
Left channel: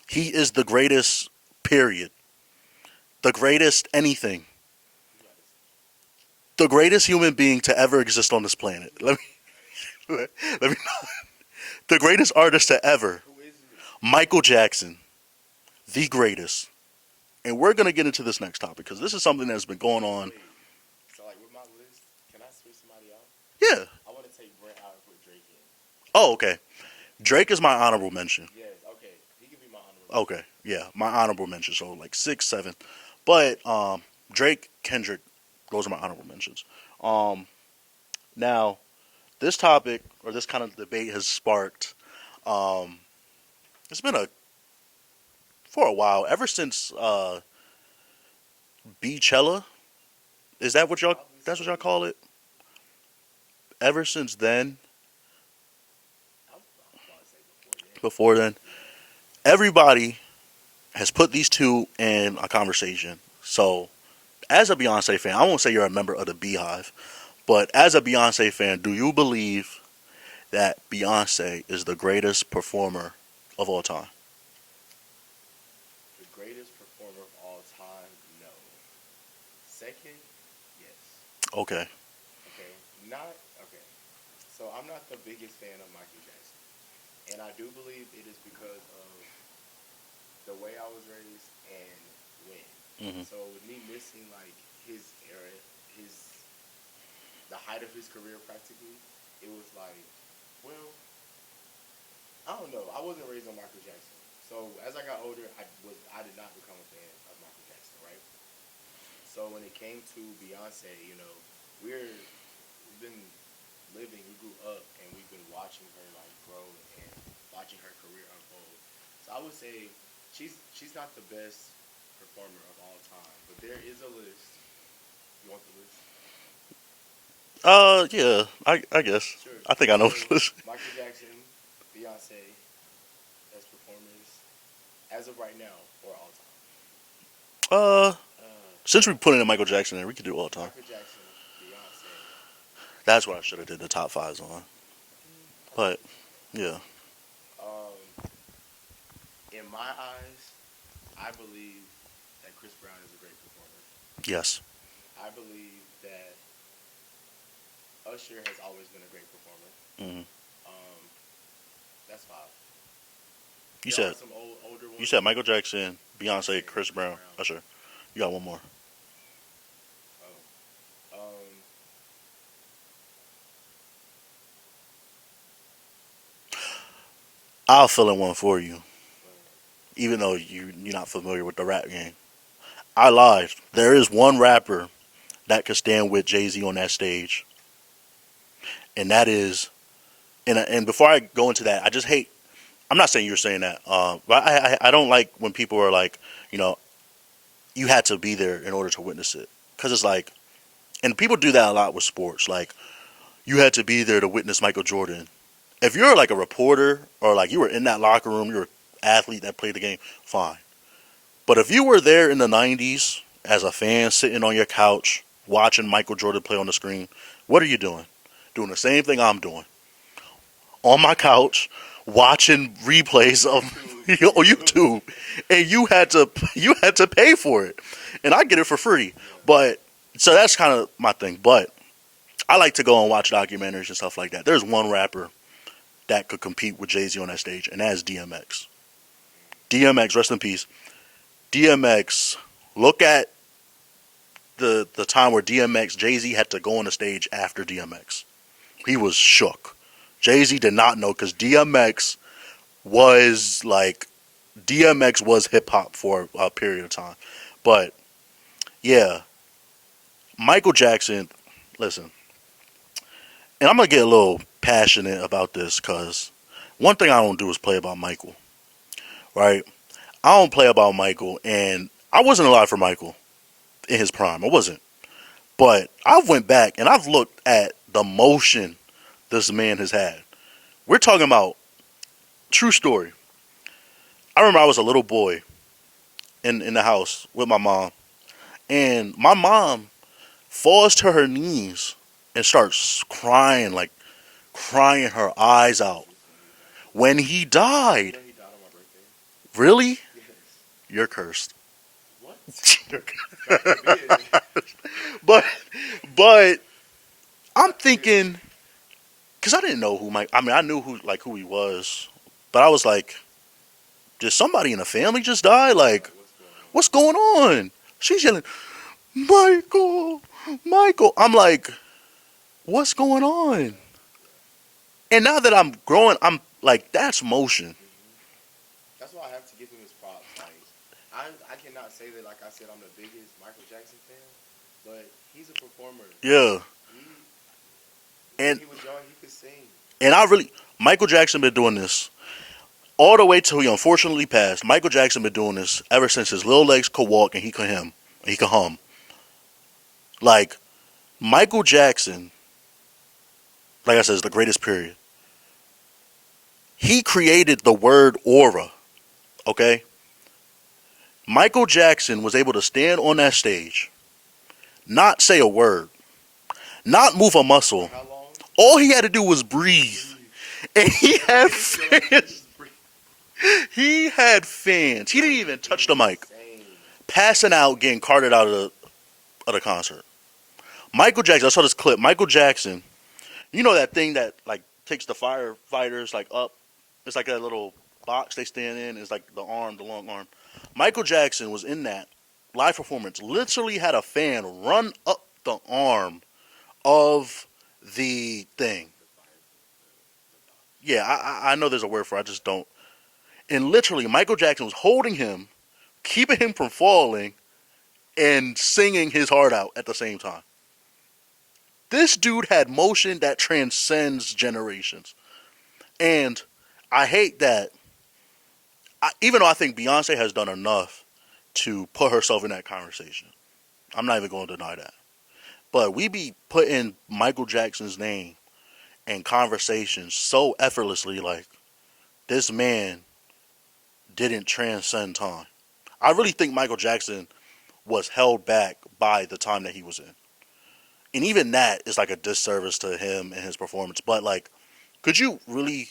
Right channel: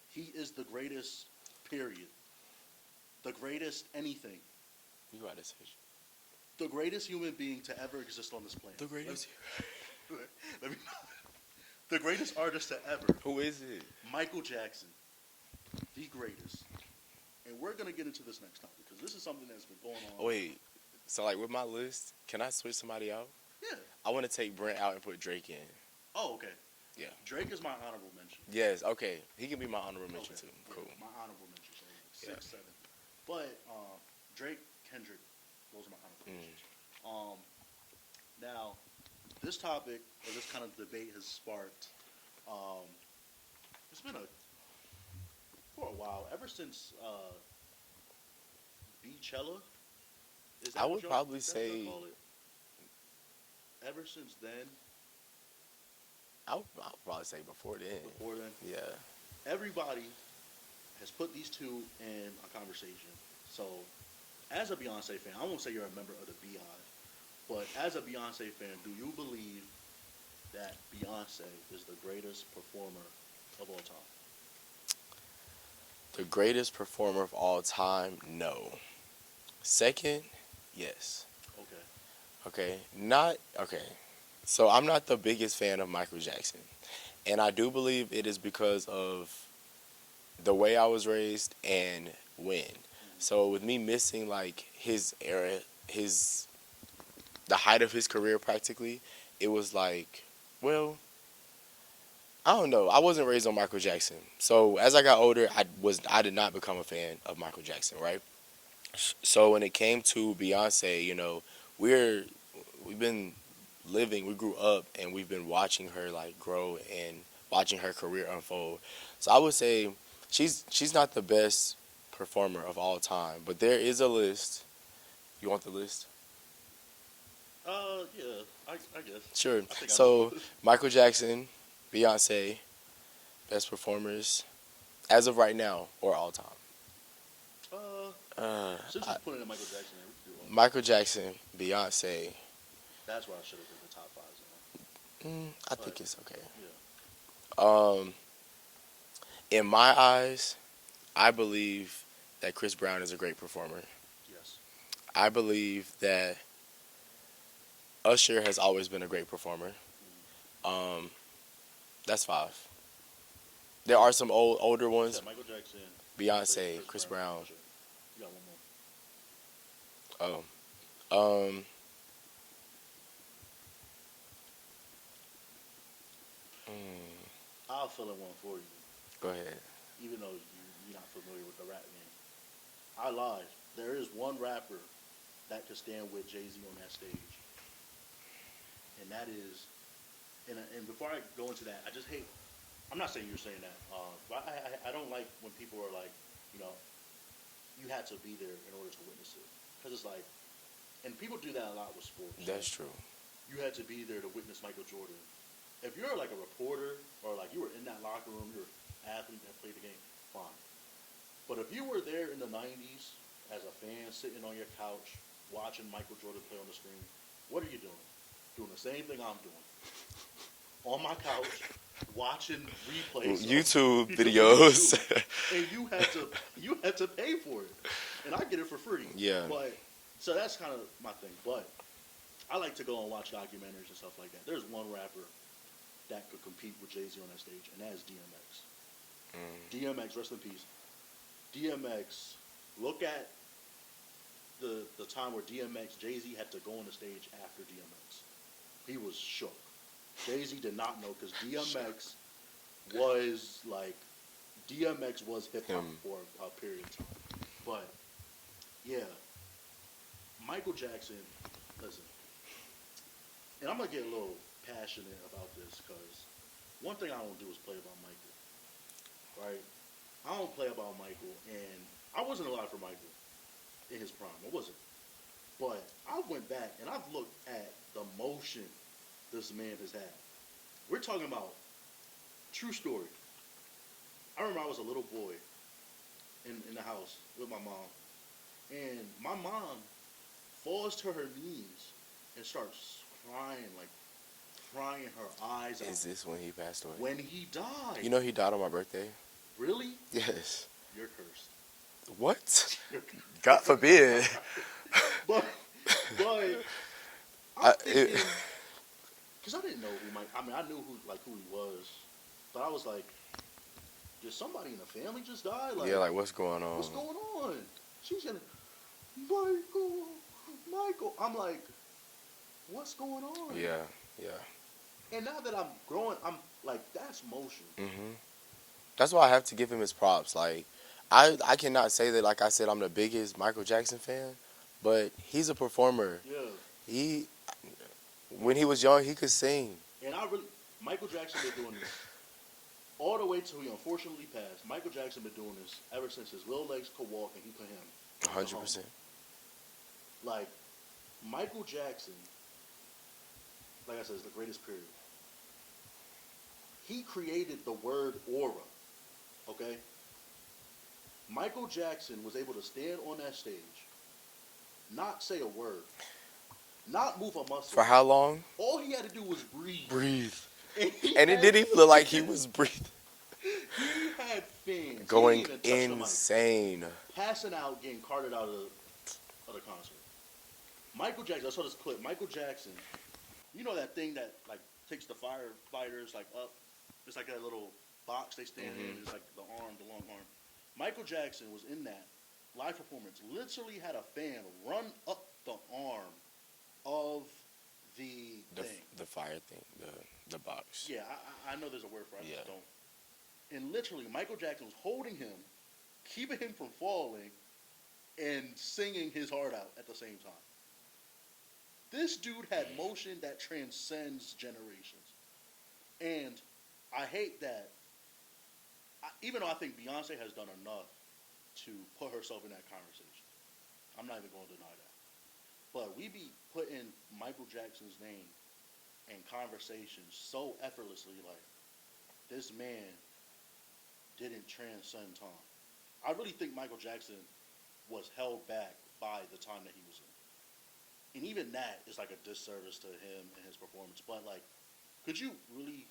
He is the greatest. Period. The greatest anything. You got this. The greatest human being to ever exist on this planet. Let me the greatest artist to ever. Who is it? Michael Jackson. The greatest. And we're going to get into this next topic because this is something that's been going on. Wait. So like with my list, can I switch somebody out? Yeah. I want to take Brent out and put Drake in. Oh, okay. Yeah. Drake is my honorable mention. Yes. Okay. He can be my honorable mention. Okay. Too. Yeah, my honorable mention. So like 6, 7. But Drake, Kendrick, those are my honorable mentions. Now, this topic or this kind of debate has sparked. It's been for a while, ever since Beachella. Is that what y'all? That's what y'all call it. Ever since then. I'll probably say before then. Before then. Yeah. Everybody has put these two in a conversation. So, as a Beyonce fan, I won't say you're a member of the Beehive, but as a Beyonce fan, do you believe that Beyonce is the greatest performer of all time? The greatest performer of all time? No. Second? Yes. Okay. Okay. Not okay. So I'm not the biggest fan of Michael Jackson. And I do believe it is because of the way I was raised and when. Mm-hmm. So with me missing like his era, the height of his career practically, it was like, well, I don't know. I wasn't raised on Michael Jackson. So as I got older, I did not become a fan of Michael Jackson, right? So when it came to Beyonce, you know, we've been we grew up and we've been watching her like grow and watching her career unfold. So I would say she's not the best performer of all time. But there is a list. You want the list? Yeah, I guess. Sure. I think I know. Michael Jackson, Beyonce, best performers as of right now or all time. Uh, Uh, since we put in Michael Jackson there, we could do all time. Michael Jackson, Beyonce. That's what I should have did the top fives on. I But- think it's okay. Yeah. In my eyes, I believe that Chris Brown is a great performer. Yes. I believe that Usher has always been a great performer. Mhm. That's 5. You There said- are some older You ones. said Michael Jackson, Beyonce, Beyonce, Chris Chris Brown, Brown. Usher. You got one more. Oh. I'll fill in one for you, Go ahead. even though you're not familiar with the rap game. I lied. There is one rapper that could stand with Jay-Z on that stage, and that is, and before I go into that, I just hate. I'm not saying you're saying that, but I don't like when people are like, you had to be there in order to witness it, because it's like, and people do that a lot with sports, like That's true. you had to be there to witness Michael Jordan. If you're like a reporter or like you were in that locker room, you're an athlete that played the game, fine. But if you were there in the 90s as a fan sitting on your couch watching Michael Jordan play on the screen, what are you doing? Doing the same thing I'm doing. On my couch watching replays of YouTube on videos. YouTube. And you had to pay for it. And I get it for free. Yeah. But so that's kind of my thing. But I like to go and watch documentaries and stuff like that. There's one rapper that could compete with Jay-Z on that stage, and that is DMX. DMX, rest in peace. DMX, look at the time where DMX, Jay-Z had to go on the stage after DMX. He was shook. Jay-Z did not know because DMX was hip-hop for a period of time. But, yeah, Michael Jackson, listen, and I'm going to get a little passionate about this because one thing I don't do is play about Michael, right? I don't play about Michael, and I wasn't alive for Michael in his prime. I wasn't. But I went back, and I've looked at the motion this man has had. We're talking about, true story. I remember I was a little boy in the house with my mom, and my mom falls to her knees and starts crying her eyes out Is this when he passed away? when he died. You know he died on my birthday? Really? Yes. You're cursed. What? God forbid. But I'm thinking, because I didn't know who Mike. I mean, I knew who he was, but I was like, did somebody in the family just die? Like, what's going on? What's going on? She's yelling, Michael, Michael. I'm like, what's going on? Yeah. And now that I'm growing, I'm like, that's motion. That's why I have to give him his props. Like, I cannot say that, like I said, I'm the biggest Michael Jackson fan, but he's a performer. Yeah. When he was young, he could sing. And Michael Jackson been doing this all the way till he unfortunately passed. Michael Jackson been doing this ever since his little legs could walk and he could hum. He could hum. 100%. Like, Michael Jackson, like I said, is the greatest period. He created the word aura, okay? Michael Jackson was able to stand on that stage, not say a word, not move a muscle. For how long? All he had to do was breathe. And And it didn't feel like he was breathing. He had fans. He didn't even touch the mic. Insane. Passing out, getting carted out of the concert. Michael Jackson, I saw this clip. Michael Jackson, you know that thing that like takes the firefighters like up? It's like that little box they stand in. It's like the long arm. Michael Jackson was in that live performance. Literally had a fan run up the arm of the thing. The fire thing, the box. Yeah, I know there's a word for it. I just don't. And literally, Michael Jackson was holding him, keeping him from falling, and singing his heart out at the same time. This dude had motion that transcends generations. And I hate that, even though I think Beyonce has done enough to put herself in that conversation. I'm not even going to deny that. But we be putting Michael Jackson's name in conversations so effortlessly, like this man didn't transcend time. I really think Michael Jackson was held back by the time that he was in. And even that is like a disservice to him and his performance. But like, could you really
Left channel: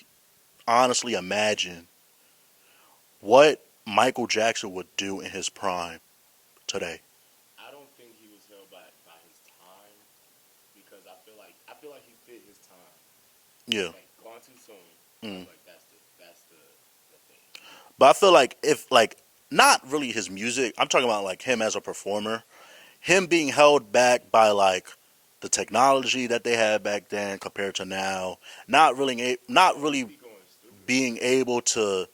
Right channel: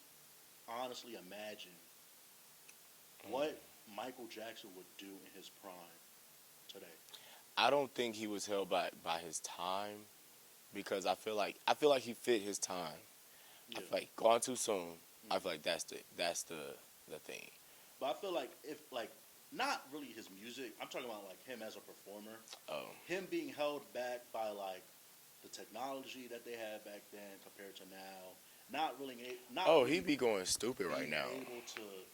honestly imagine what Michael Jackson would do in his prime today? I don't think he was held by his time because I feel like he fit his time. Yeah. Like gone too soon. I Mm. feel like that's the thing. But I feel like if like not really his music, I'm talking about like him as a performer, Oh, him being held back by like the technology that they had back then compared to now, not he'd really be going stupid right being now. able to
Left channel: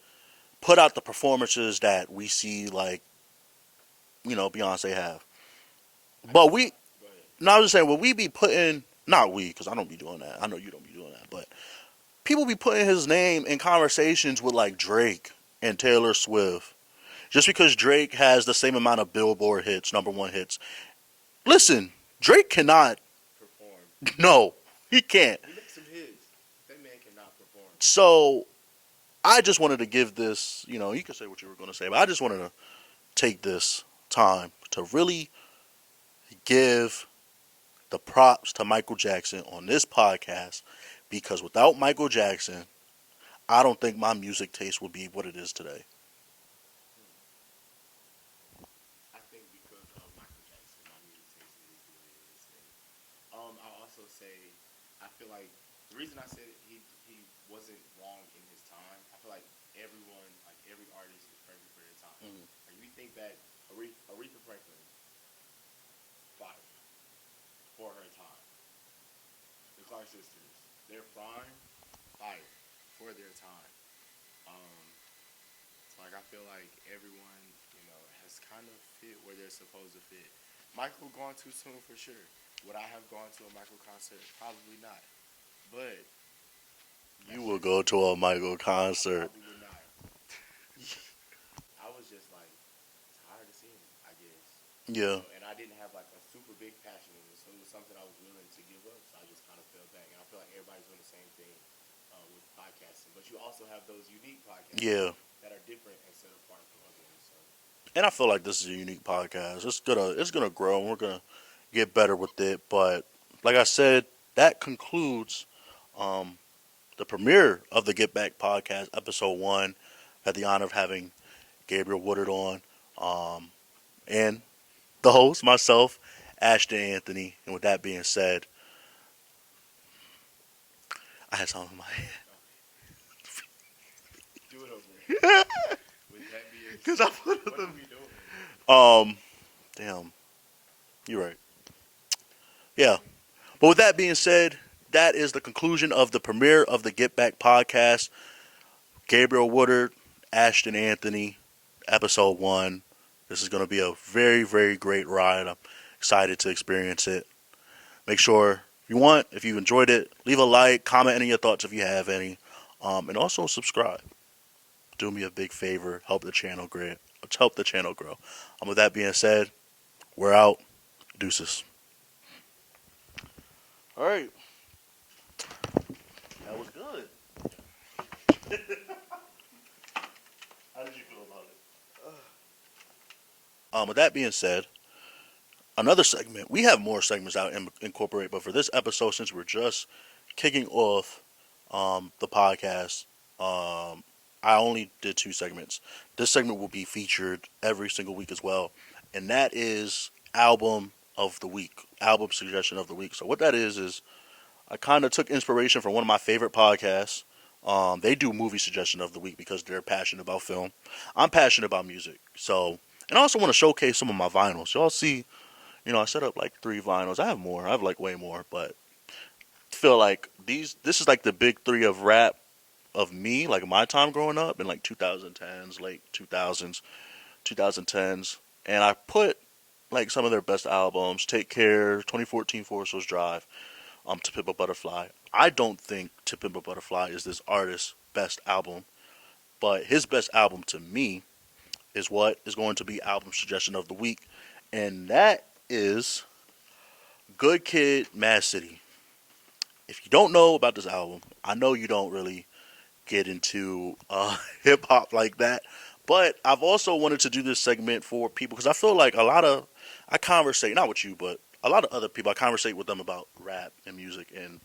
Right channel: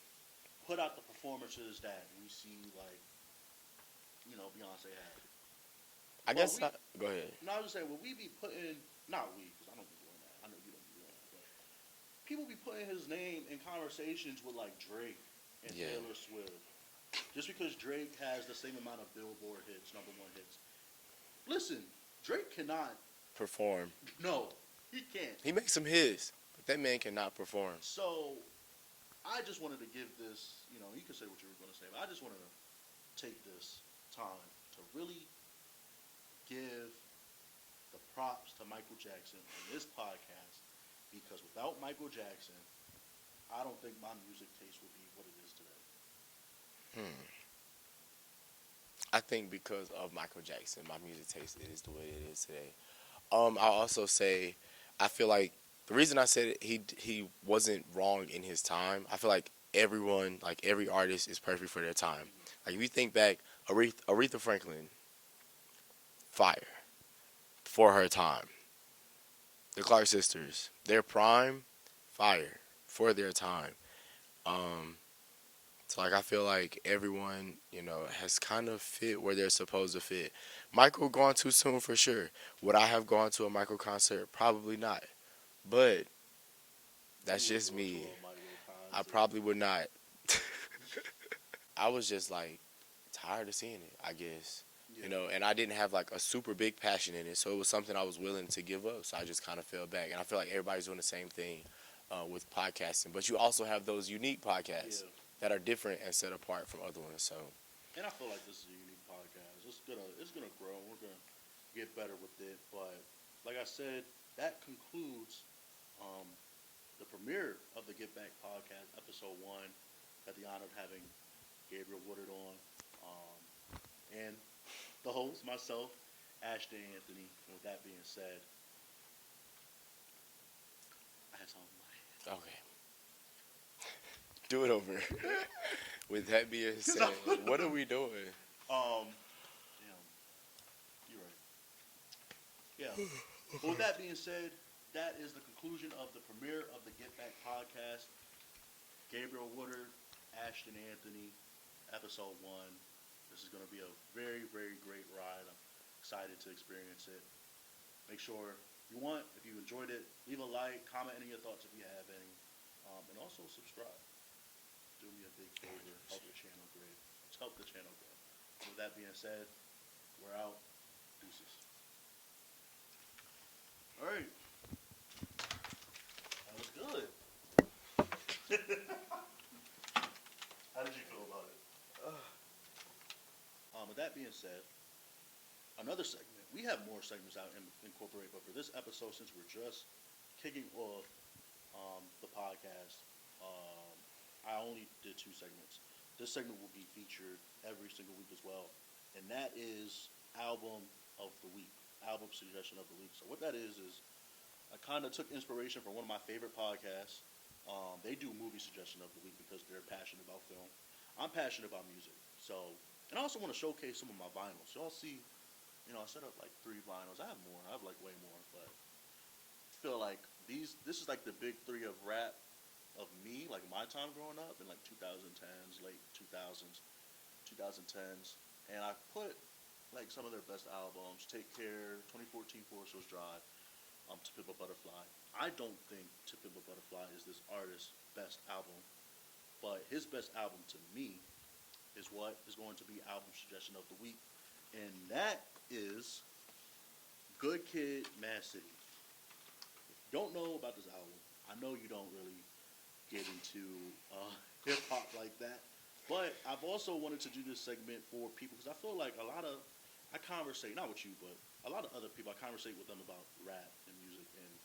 put out the performances that we see like Beyonce have. I But guess. we, Go ahead. no, I was just saying, will we be putting not we because I don't be doing that. I know you don't be doing that, but people be putting his name in conversations with like Drake and Yeah. Taylor Swift just because Drake has the same amount of Billboard hits, number one hits. Listen, Drake cannot. Perform. No, he can't. He makes some hits, but that man cannot perform. So I just wanted to give this. You can say what you were going to say, but I just wanted to take this time to really give the props to Michael Jackson on this podcast because without Michael Jackson, I don't think my music taste would be what it is today. Hmm. I think because of Michael Jackson, my music taste is the way it is today. I'll also say, I feel like the reason I said it, he wasn't wrong in his time. I feel like everyone, like every artist, is perfect for their time. Like if you think back, Aretha Franklin, fire for her time. The Clark sisters, their prime, fire for their time. Um, so like I feel like everyone, has kind of fit where they're supposed to fit. Michael gone too soon for sure. Would I have gone to a Michael concert? Probably not. But You that's will just go me. to a Michael I concert. probably would not. I was just like tired of seeing it, I guess. Yeah. And I didn't have like a super big passion in it, so it was something I was willing to give up. So I just kind of fell back, and I feel like everybody's doing the same thing with podcasting. But you also have those unique podcasts Yeah. that are different and set apart from other ones. So And I feel like this is a unique podcast. It's gonna grow and we're gonna get better with it. But like I said, that concludes um, the premiere of the Get Back podcast, episode 1. Had the honor of having Gabriel Woodard on. And the host, myself, Ashton Anthony. And with that being said, I had something in my head. okay, do it over. With that being 'Cause said, I- what are we doing? Damn, you're right. Yeah. But with that being said, that is the conclusion of the premiere of the Get Back podcast. Gabriel Woodard, Ashton Anthony, episode 1. This is going to be a very, very great ride. I'm excited to experience it. Make sure if you enjoyed it, leave a like, comment any of your thoughts if you have any, and also subscribe. Do me a big favor, help the channel grow. Help the channel grow. With that being said, we're out. Deuces. All right. That was good. How did you feel about it? With that being said, another segment. We have more segments out incorporate, but for this episode, since we're just kicking off the podcast, I only did 2 segments. This segment will be featured every single week as well, and that is album of the week, album suggestion of the week. So what that is I kind of took inspiration from one of my favorite podcasts. They do movie suggestion of the week because they're passionate about film. I'm passionate about music, so and I also want to showcase some of my vinyls. Y'all see, I set up like 3 vinyls. I have more. I have like way more, but I feel like this is like the big 3 of rap of me, like my time growing up in like 2010s, late 2000s, 2010s, and I put like some of their best albums. Take Care, 2014 Forest Hills Drive, To Pimp a Butterfly. I don't think To Pimp a Butterfly is this artist's best album, but his best album to me is what is going to be album suggestion of the week, and that is Good Kid, Mad City. If you don't know about this album, I know you don't really get into hip hop like that, but I've also wanted to do this segment for people because I feel like I conversate, not with you, but a lot of other people, I conversate with them about rap and music, and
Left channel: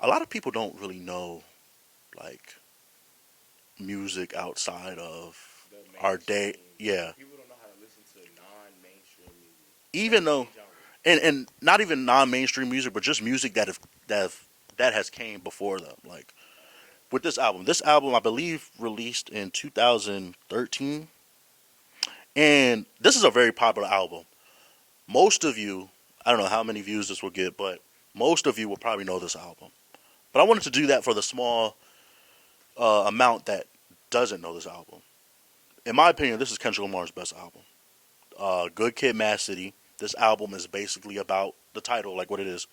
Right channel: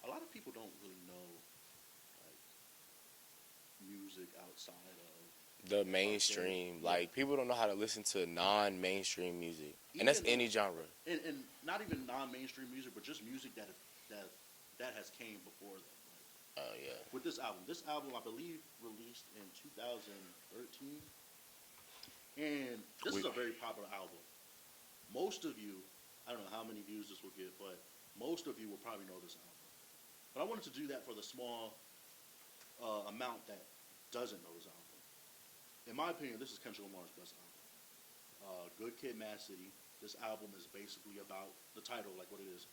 a lot of people don't really know like music outside of The our day. mainstream, Yeah, like people don't know how to listen to non-mainstream music, and that's even any though, genre. and not even non-mainstream music, but just music that have, that has came before them. Like Oh yeah, with this album I believe released in 2013, and this is a very popular album. Most of you, I don't know how many views this will get, but most of you will probably know this album. But I wanted to do that for the small amount that doesn't know this album. In my opinion, this is Kendrick Lamar's best album. Good Kid, Mad City. This album is basically about the title, like what it is,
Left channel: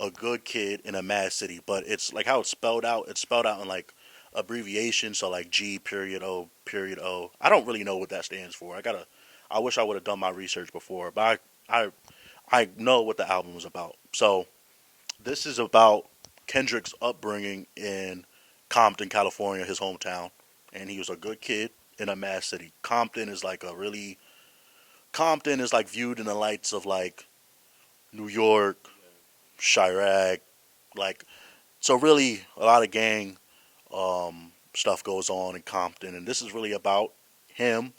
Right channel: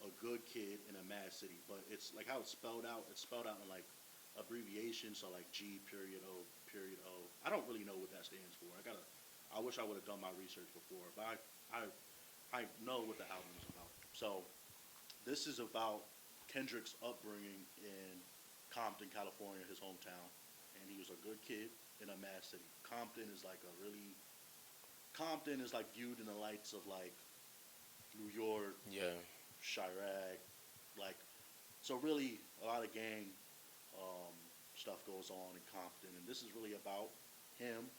a good kid in a mad city. But it's like how it's spelled out. It's spelled out in like abbreviation, so like G period O period O. I don't really know what that stands for. I wish I would have done my research before, but I know what the album is about. So this is about Kendrick's upbringing in Compton, California, his hometown, and he was a good kid in a mad city. Compton is like viewed in the lights of like New York, yeah. Chirac, like so really a lot of gang stuff goes on in Compton, and this is really about him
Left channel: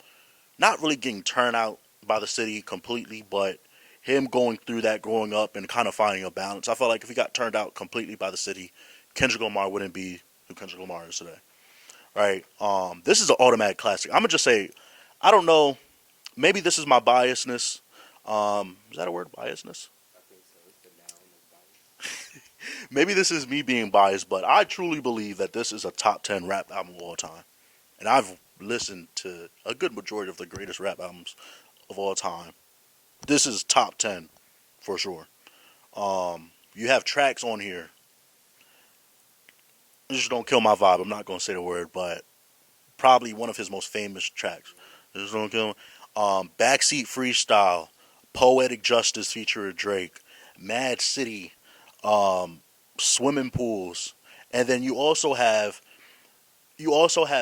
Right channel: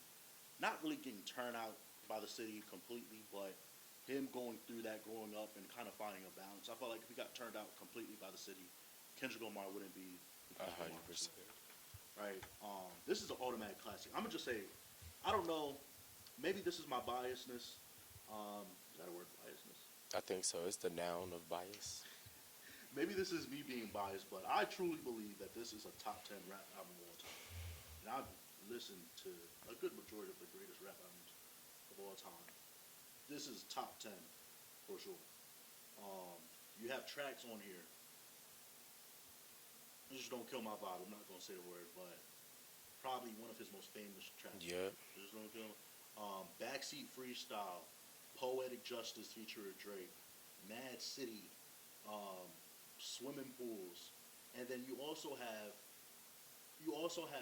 not really getting turned out by the city completely, but him going through that growing up and kind of finding a balance. I felt like if he got turned out completely by the city, Kendrick Lamar wouldn't be who Kendrick Lamar is today. 100%. Right? This is an automatic classic. I'm gonna just say, I don't know. Maybe this is my biasness. Is that a word? Biasness? I think so. It's the noun of bias. Maybe this is me being biased, but I truly believe that this is a top 10 rap album of all time. And I've listened to a good majority of the greatest rap albums of all time. This is top 10 for sure. You have tracks on here. Just don't kill my vibe. I'm not going to say the word, but probably one of his most famous tracks. Yeah. Just don't kill me. Backseat Freestyle, Poetic Justice featuring Drake, Mad City, um, Swimming Pools, and then you also have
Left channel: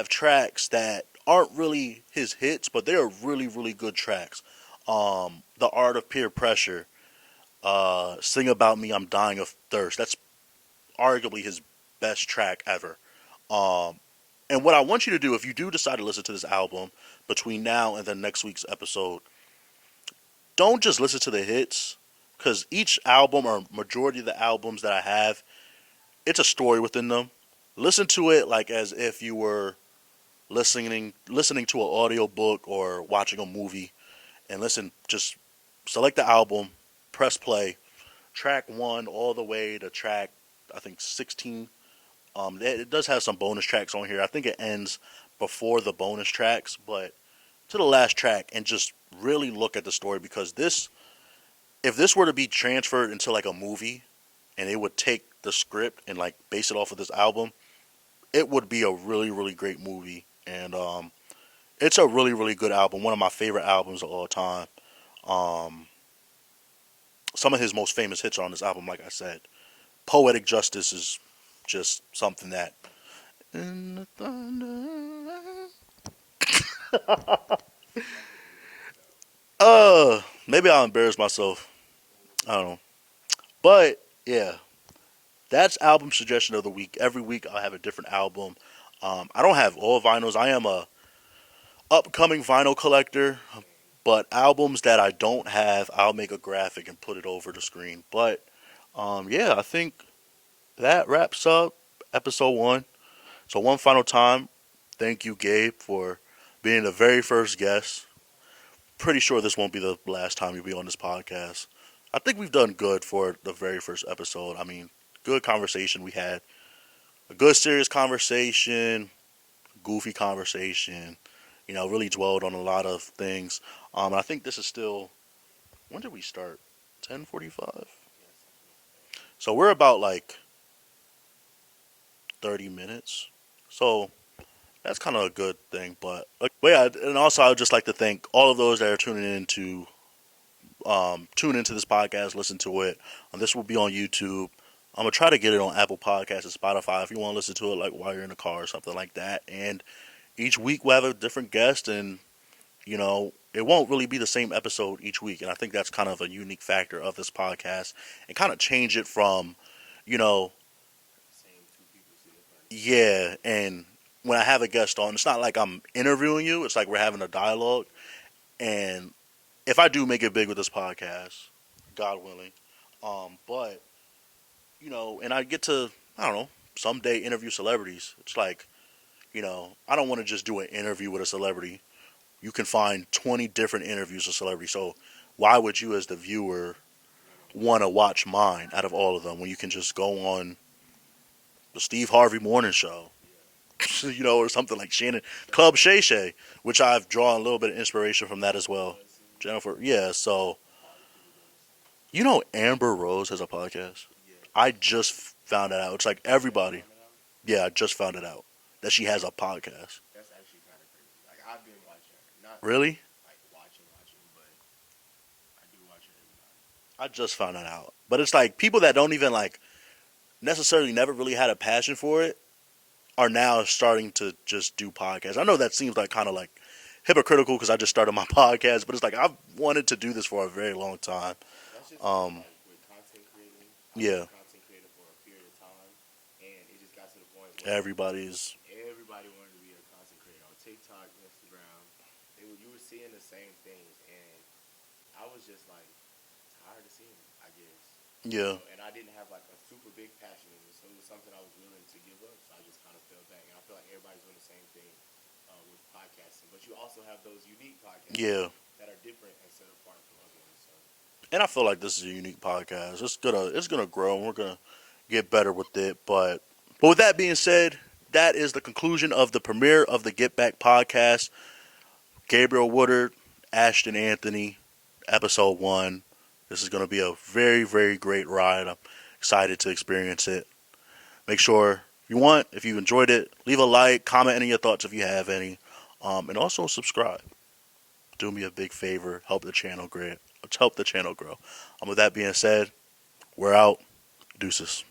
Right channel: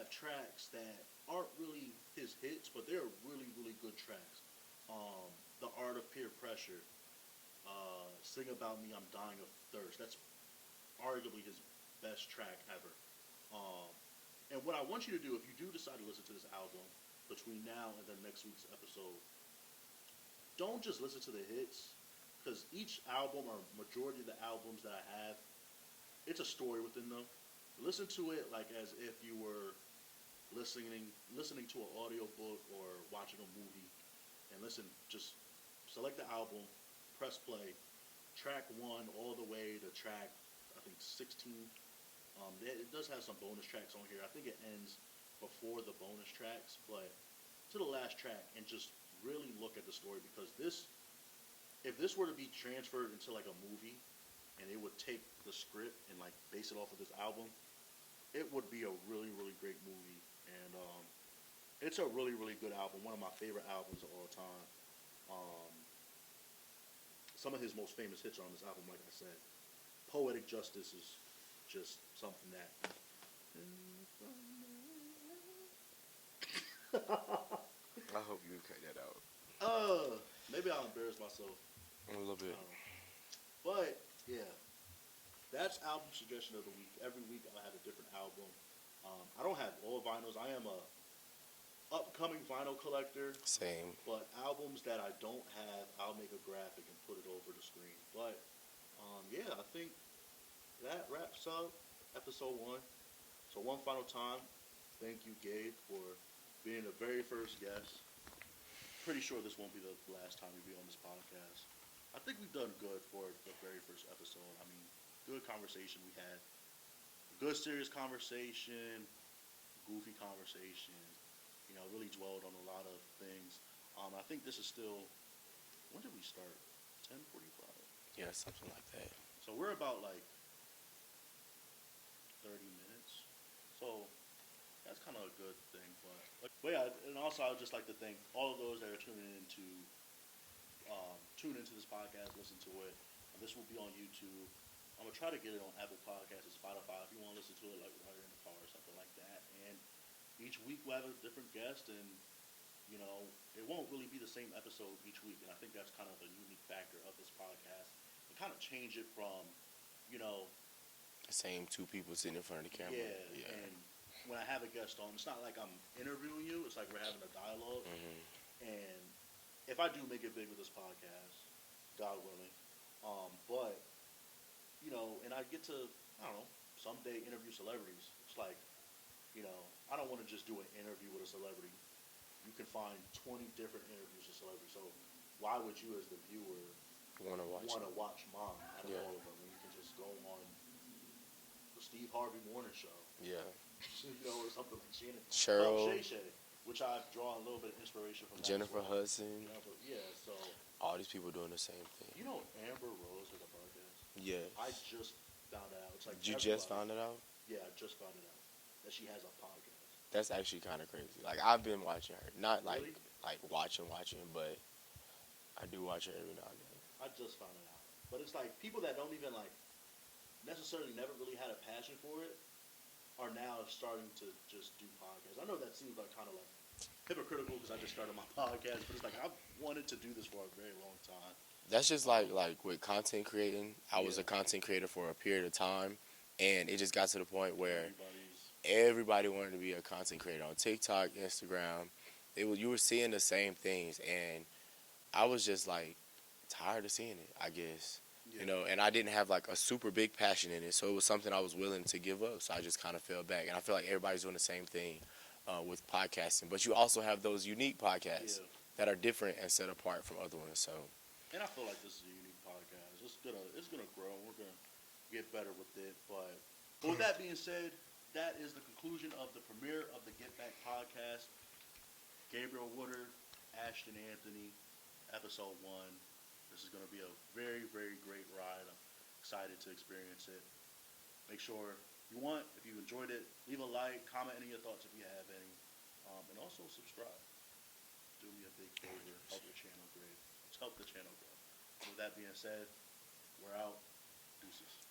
tracks that aren't really his hits, but they are really really good tracks. The Art of Peer Pressure, Sing About Me, I'm Dying of Thirst. That's arguably his best track ever. Um, and what I want you to do, if you do decide to listen to this album between now and the next week's episode, don't just listen to the hits, because each album or majority of the albums that I have, it's a story within them. Listen to it like as if you were listening to an audio book or watching a movie, and listen. Just select the album, press play, track one all the way to track I think 16. It does have some bonus tracks on here. I think it ends before the bonus tracks, but to the last track and just really look at the story, because if this were to be transferred into like a movie and it would take the script and like base it off of this album, it would be a really really great movie. And it's a really really good album, one of my favorite albums of all time. um, some of his most famous hits are on this album, like I said. Poetic Justice is just something that in the thunder. I hope you cut that out Maybe I'll embarrass myself. a little I bit. don't know. But yeah, that's album suggestion of the week. Every week I'll have a different album. I don't have all vinyls. I am a upcoming vinyl collector, Same. but albums that I don't have, I'll make a graphic and put it over the screen. But yeah, I think that wraps up episode one. So one final time, thank you, Gabe, for being the very first guest. Pretty sure this won't be the last time you'll be on this podcast. I think we've done good for the very first episode. I mean, good conversation we had. A good serious conversation, goofy conversation. Really dwelled on a lot of things. I think this is still. When did we start? 10:45. Yeah, something like that. So we're about like 30 minutes. So That's kind of a good thing. But yeah, and also I would just like to thank all of those that are tune into this podcast, listen to it. This will be on YouTube. I'm gonna try to get it on Apple Podcasts and Spotify if you want to listen to it, like while you're in the car or something like that. And each week we'll have a different guest, and it won't really be the same episode each week. And I think that's kind of a unique factor of this podcast, and kind of change it from, you know, The same two people sitting in front of the camera. yeah. And when I have a guest on, it's not like I'm interviewing you. It's like we're having a dialogue. And if I do make it big with this podcast, God willing, but and I get to, I don't know, someday interview celebrities. It's like, I don't want to just do an interview with a celebrity. You can find 20 different interviews with celebrities. So why would you, as the viewer, want to watch mine out of all of them when you can just go on the Steve Harvey Morning Show, Yeah. or something like Shannon Club Cheryl, Shay Shay, which I've drawn a little bit of inspiration from that as Jennifer well. Hudson, Jennifer, yeah. So all these people doing the same thing. Amber Rose has a podcast. Yeah. I just found it out. It's like Did you just everybody. find it out? Yeah, I just found it out that she has a podcast. That's actually kind of crazy. Like I've been watching her, not Really? like watching, but I do watch her every now and then. I just found it out. But it's like people that don't even like necessarily never really had a passion for it are now starting to just do podcasts. I know that seems like kind of like hypocritical because I just started my podcast, but it's like I've wanted to do this for a very long time. That's just like with content creating. I was a content creator for a period of time, and it just got to the point where everybody wanted to be a content creator on TikTok, Instagram. You were seeing the same things, and I was just like tired of seeing it, I guess. Yeah. And I didn't have like a super big passion in it, so it was something I was willing to give up. So I just kind of fell back, and I feel like everybody's doing the same thing with podcasting. But you also have those unique podcasts that are different and set apart from other ones. So. And I feel like this is a unique podcast. It's gonna grow, and we're gonna get better with it. But with that being said, that is the conclusion of the premiere of the Get Back podcast. Gabriel Woodard, Ashton Anthony, episode 1. This is going to be a very, very great ride. I'm excited to experience it. Make sure if you enjoyed it, leave a like, comment any of your thoughts if you have any, and also subscribe. Do me a big favor, help the channel grow. With that being said, we're out. Deuces.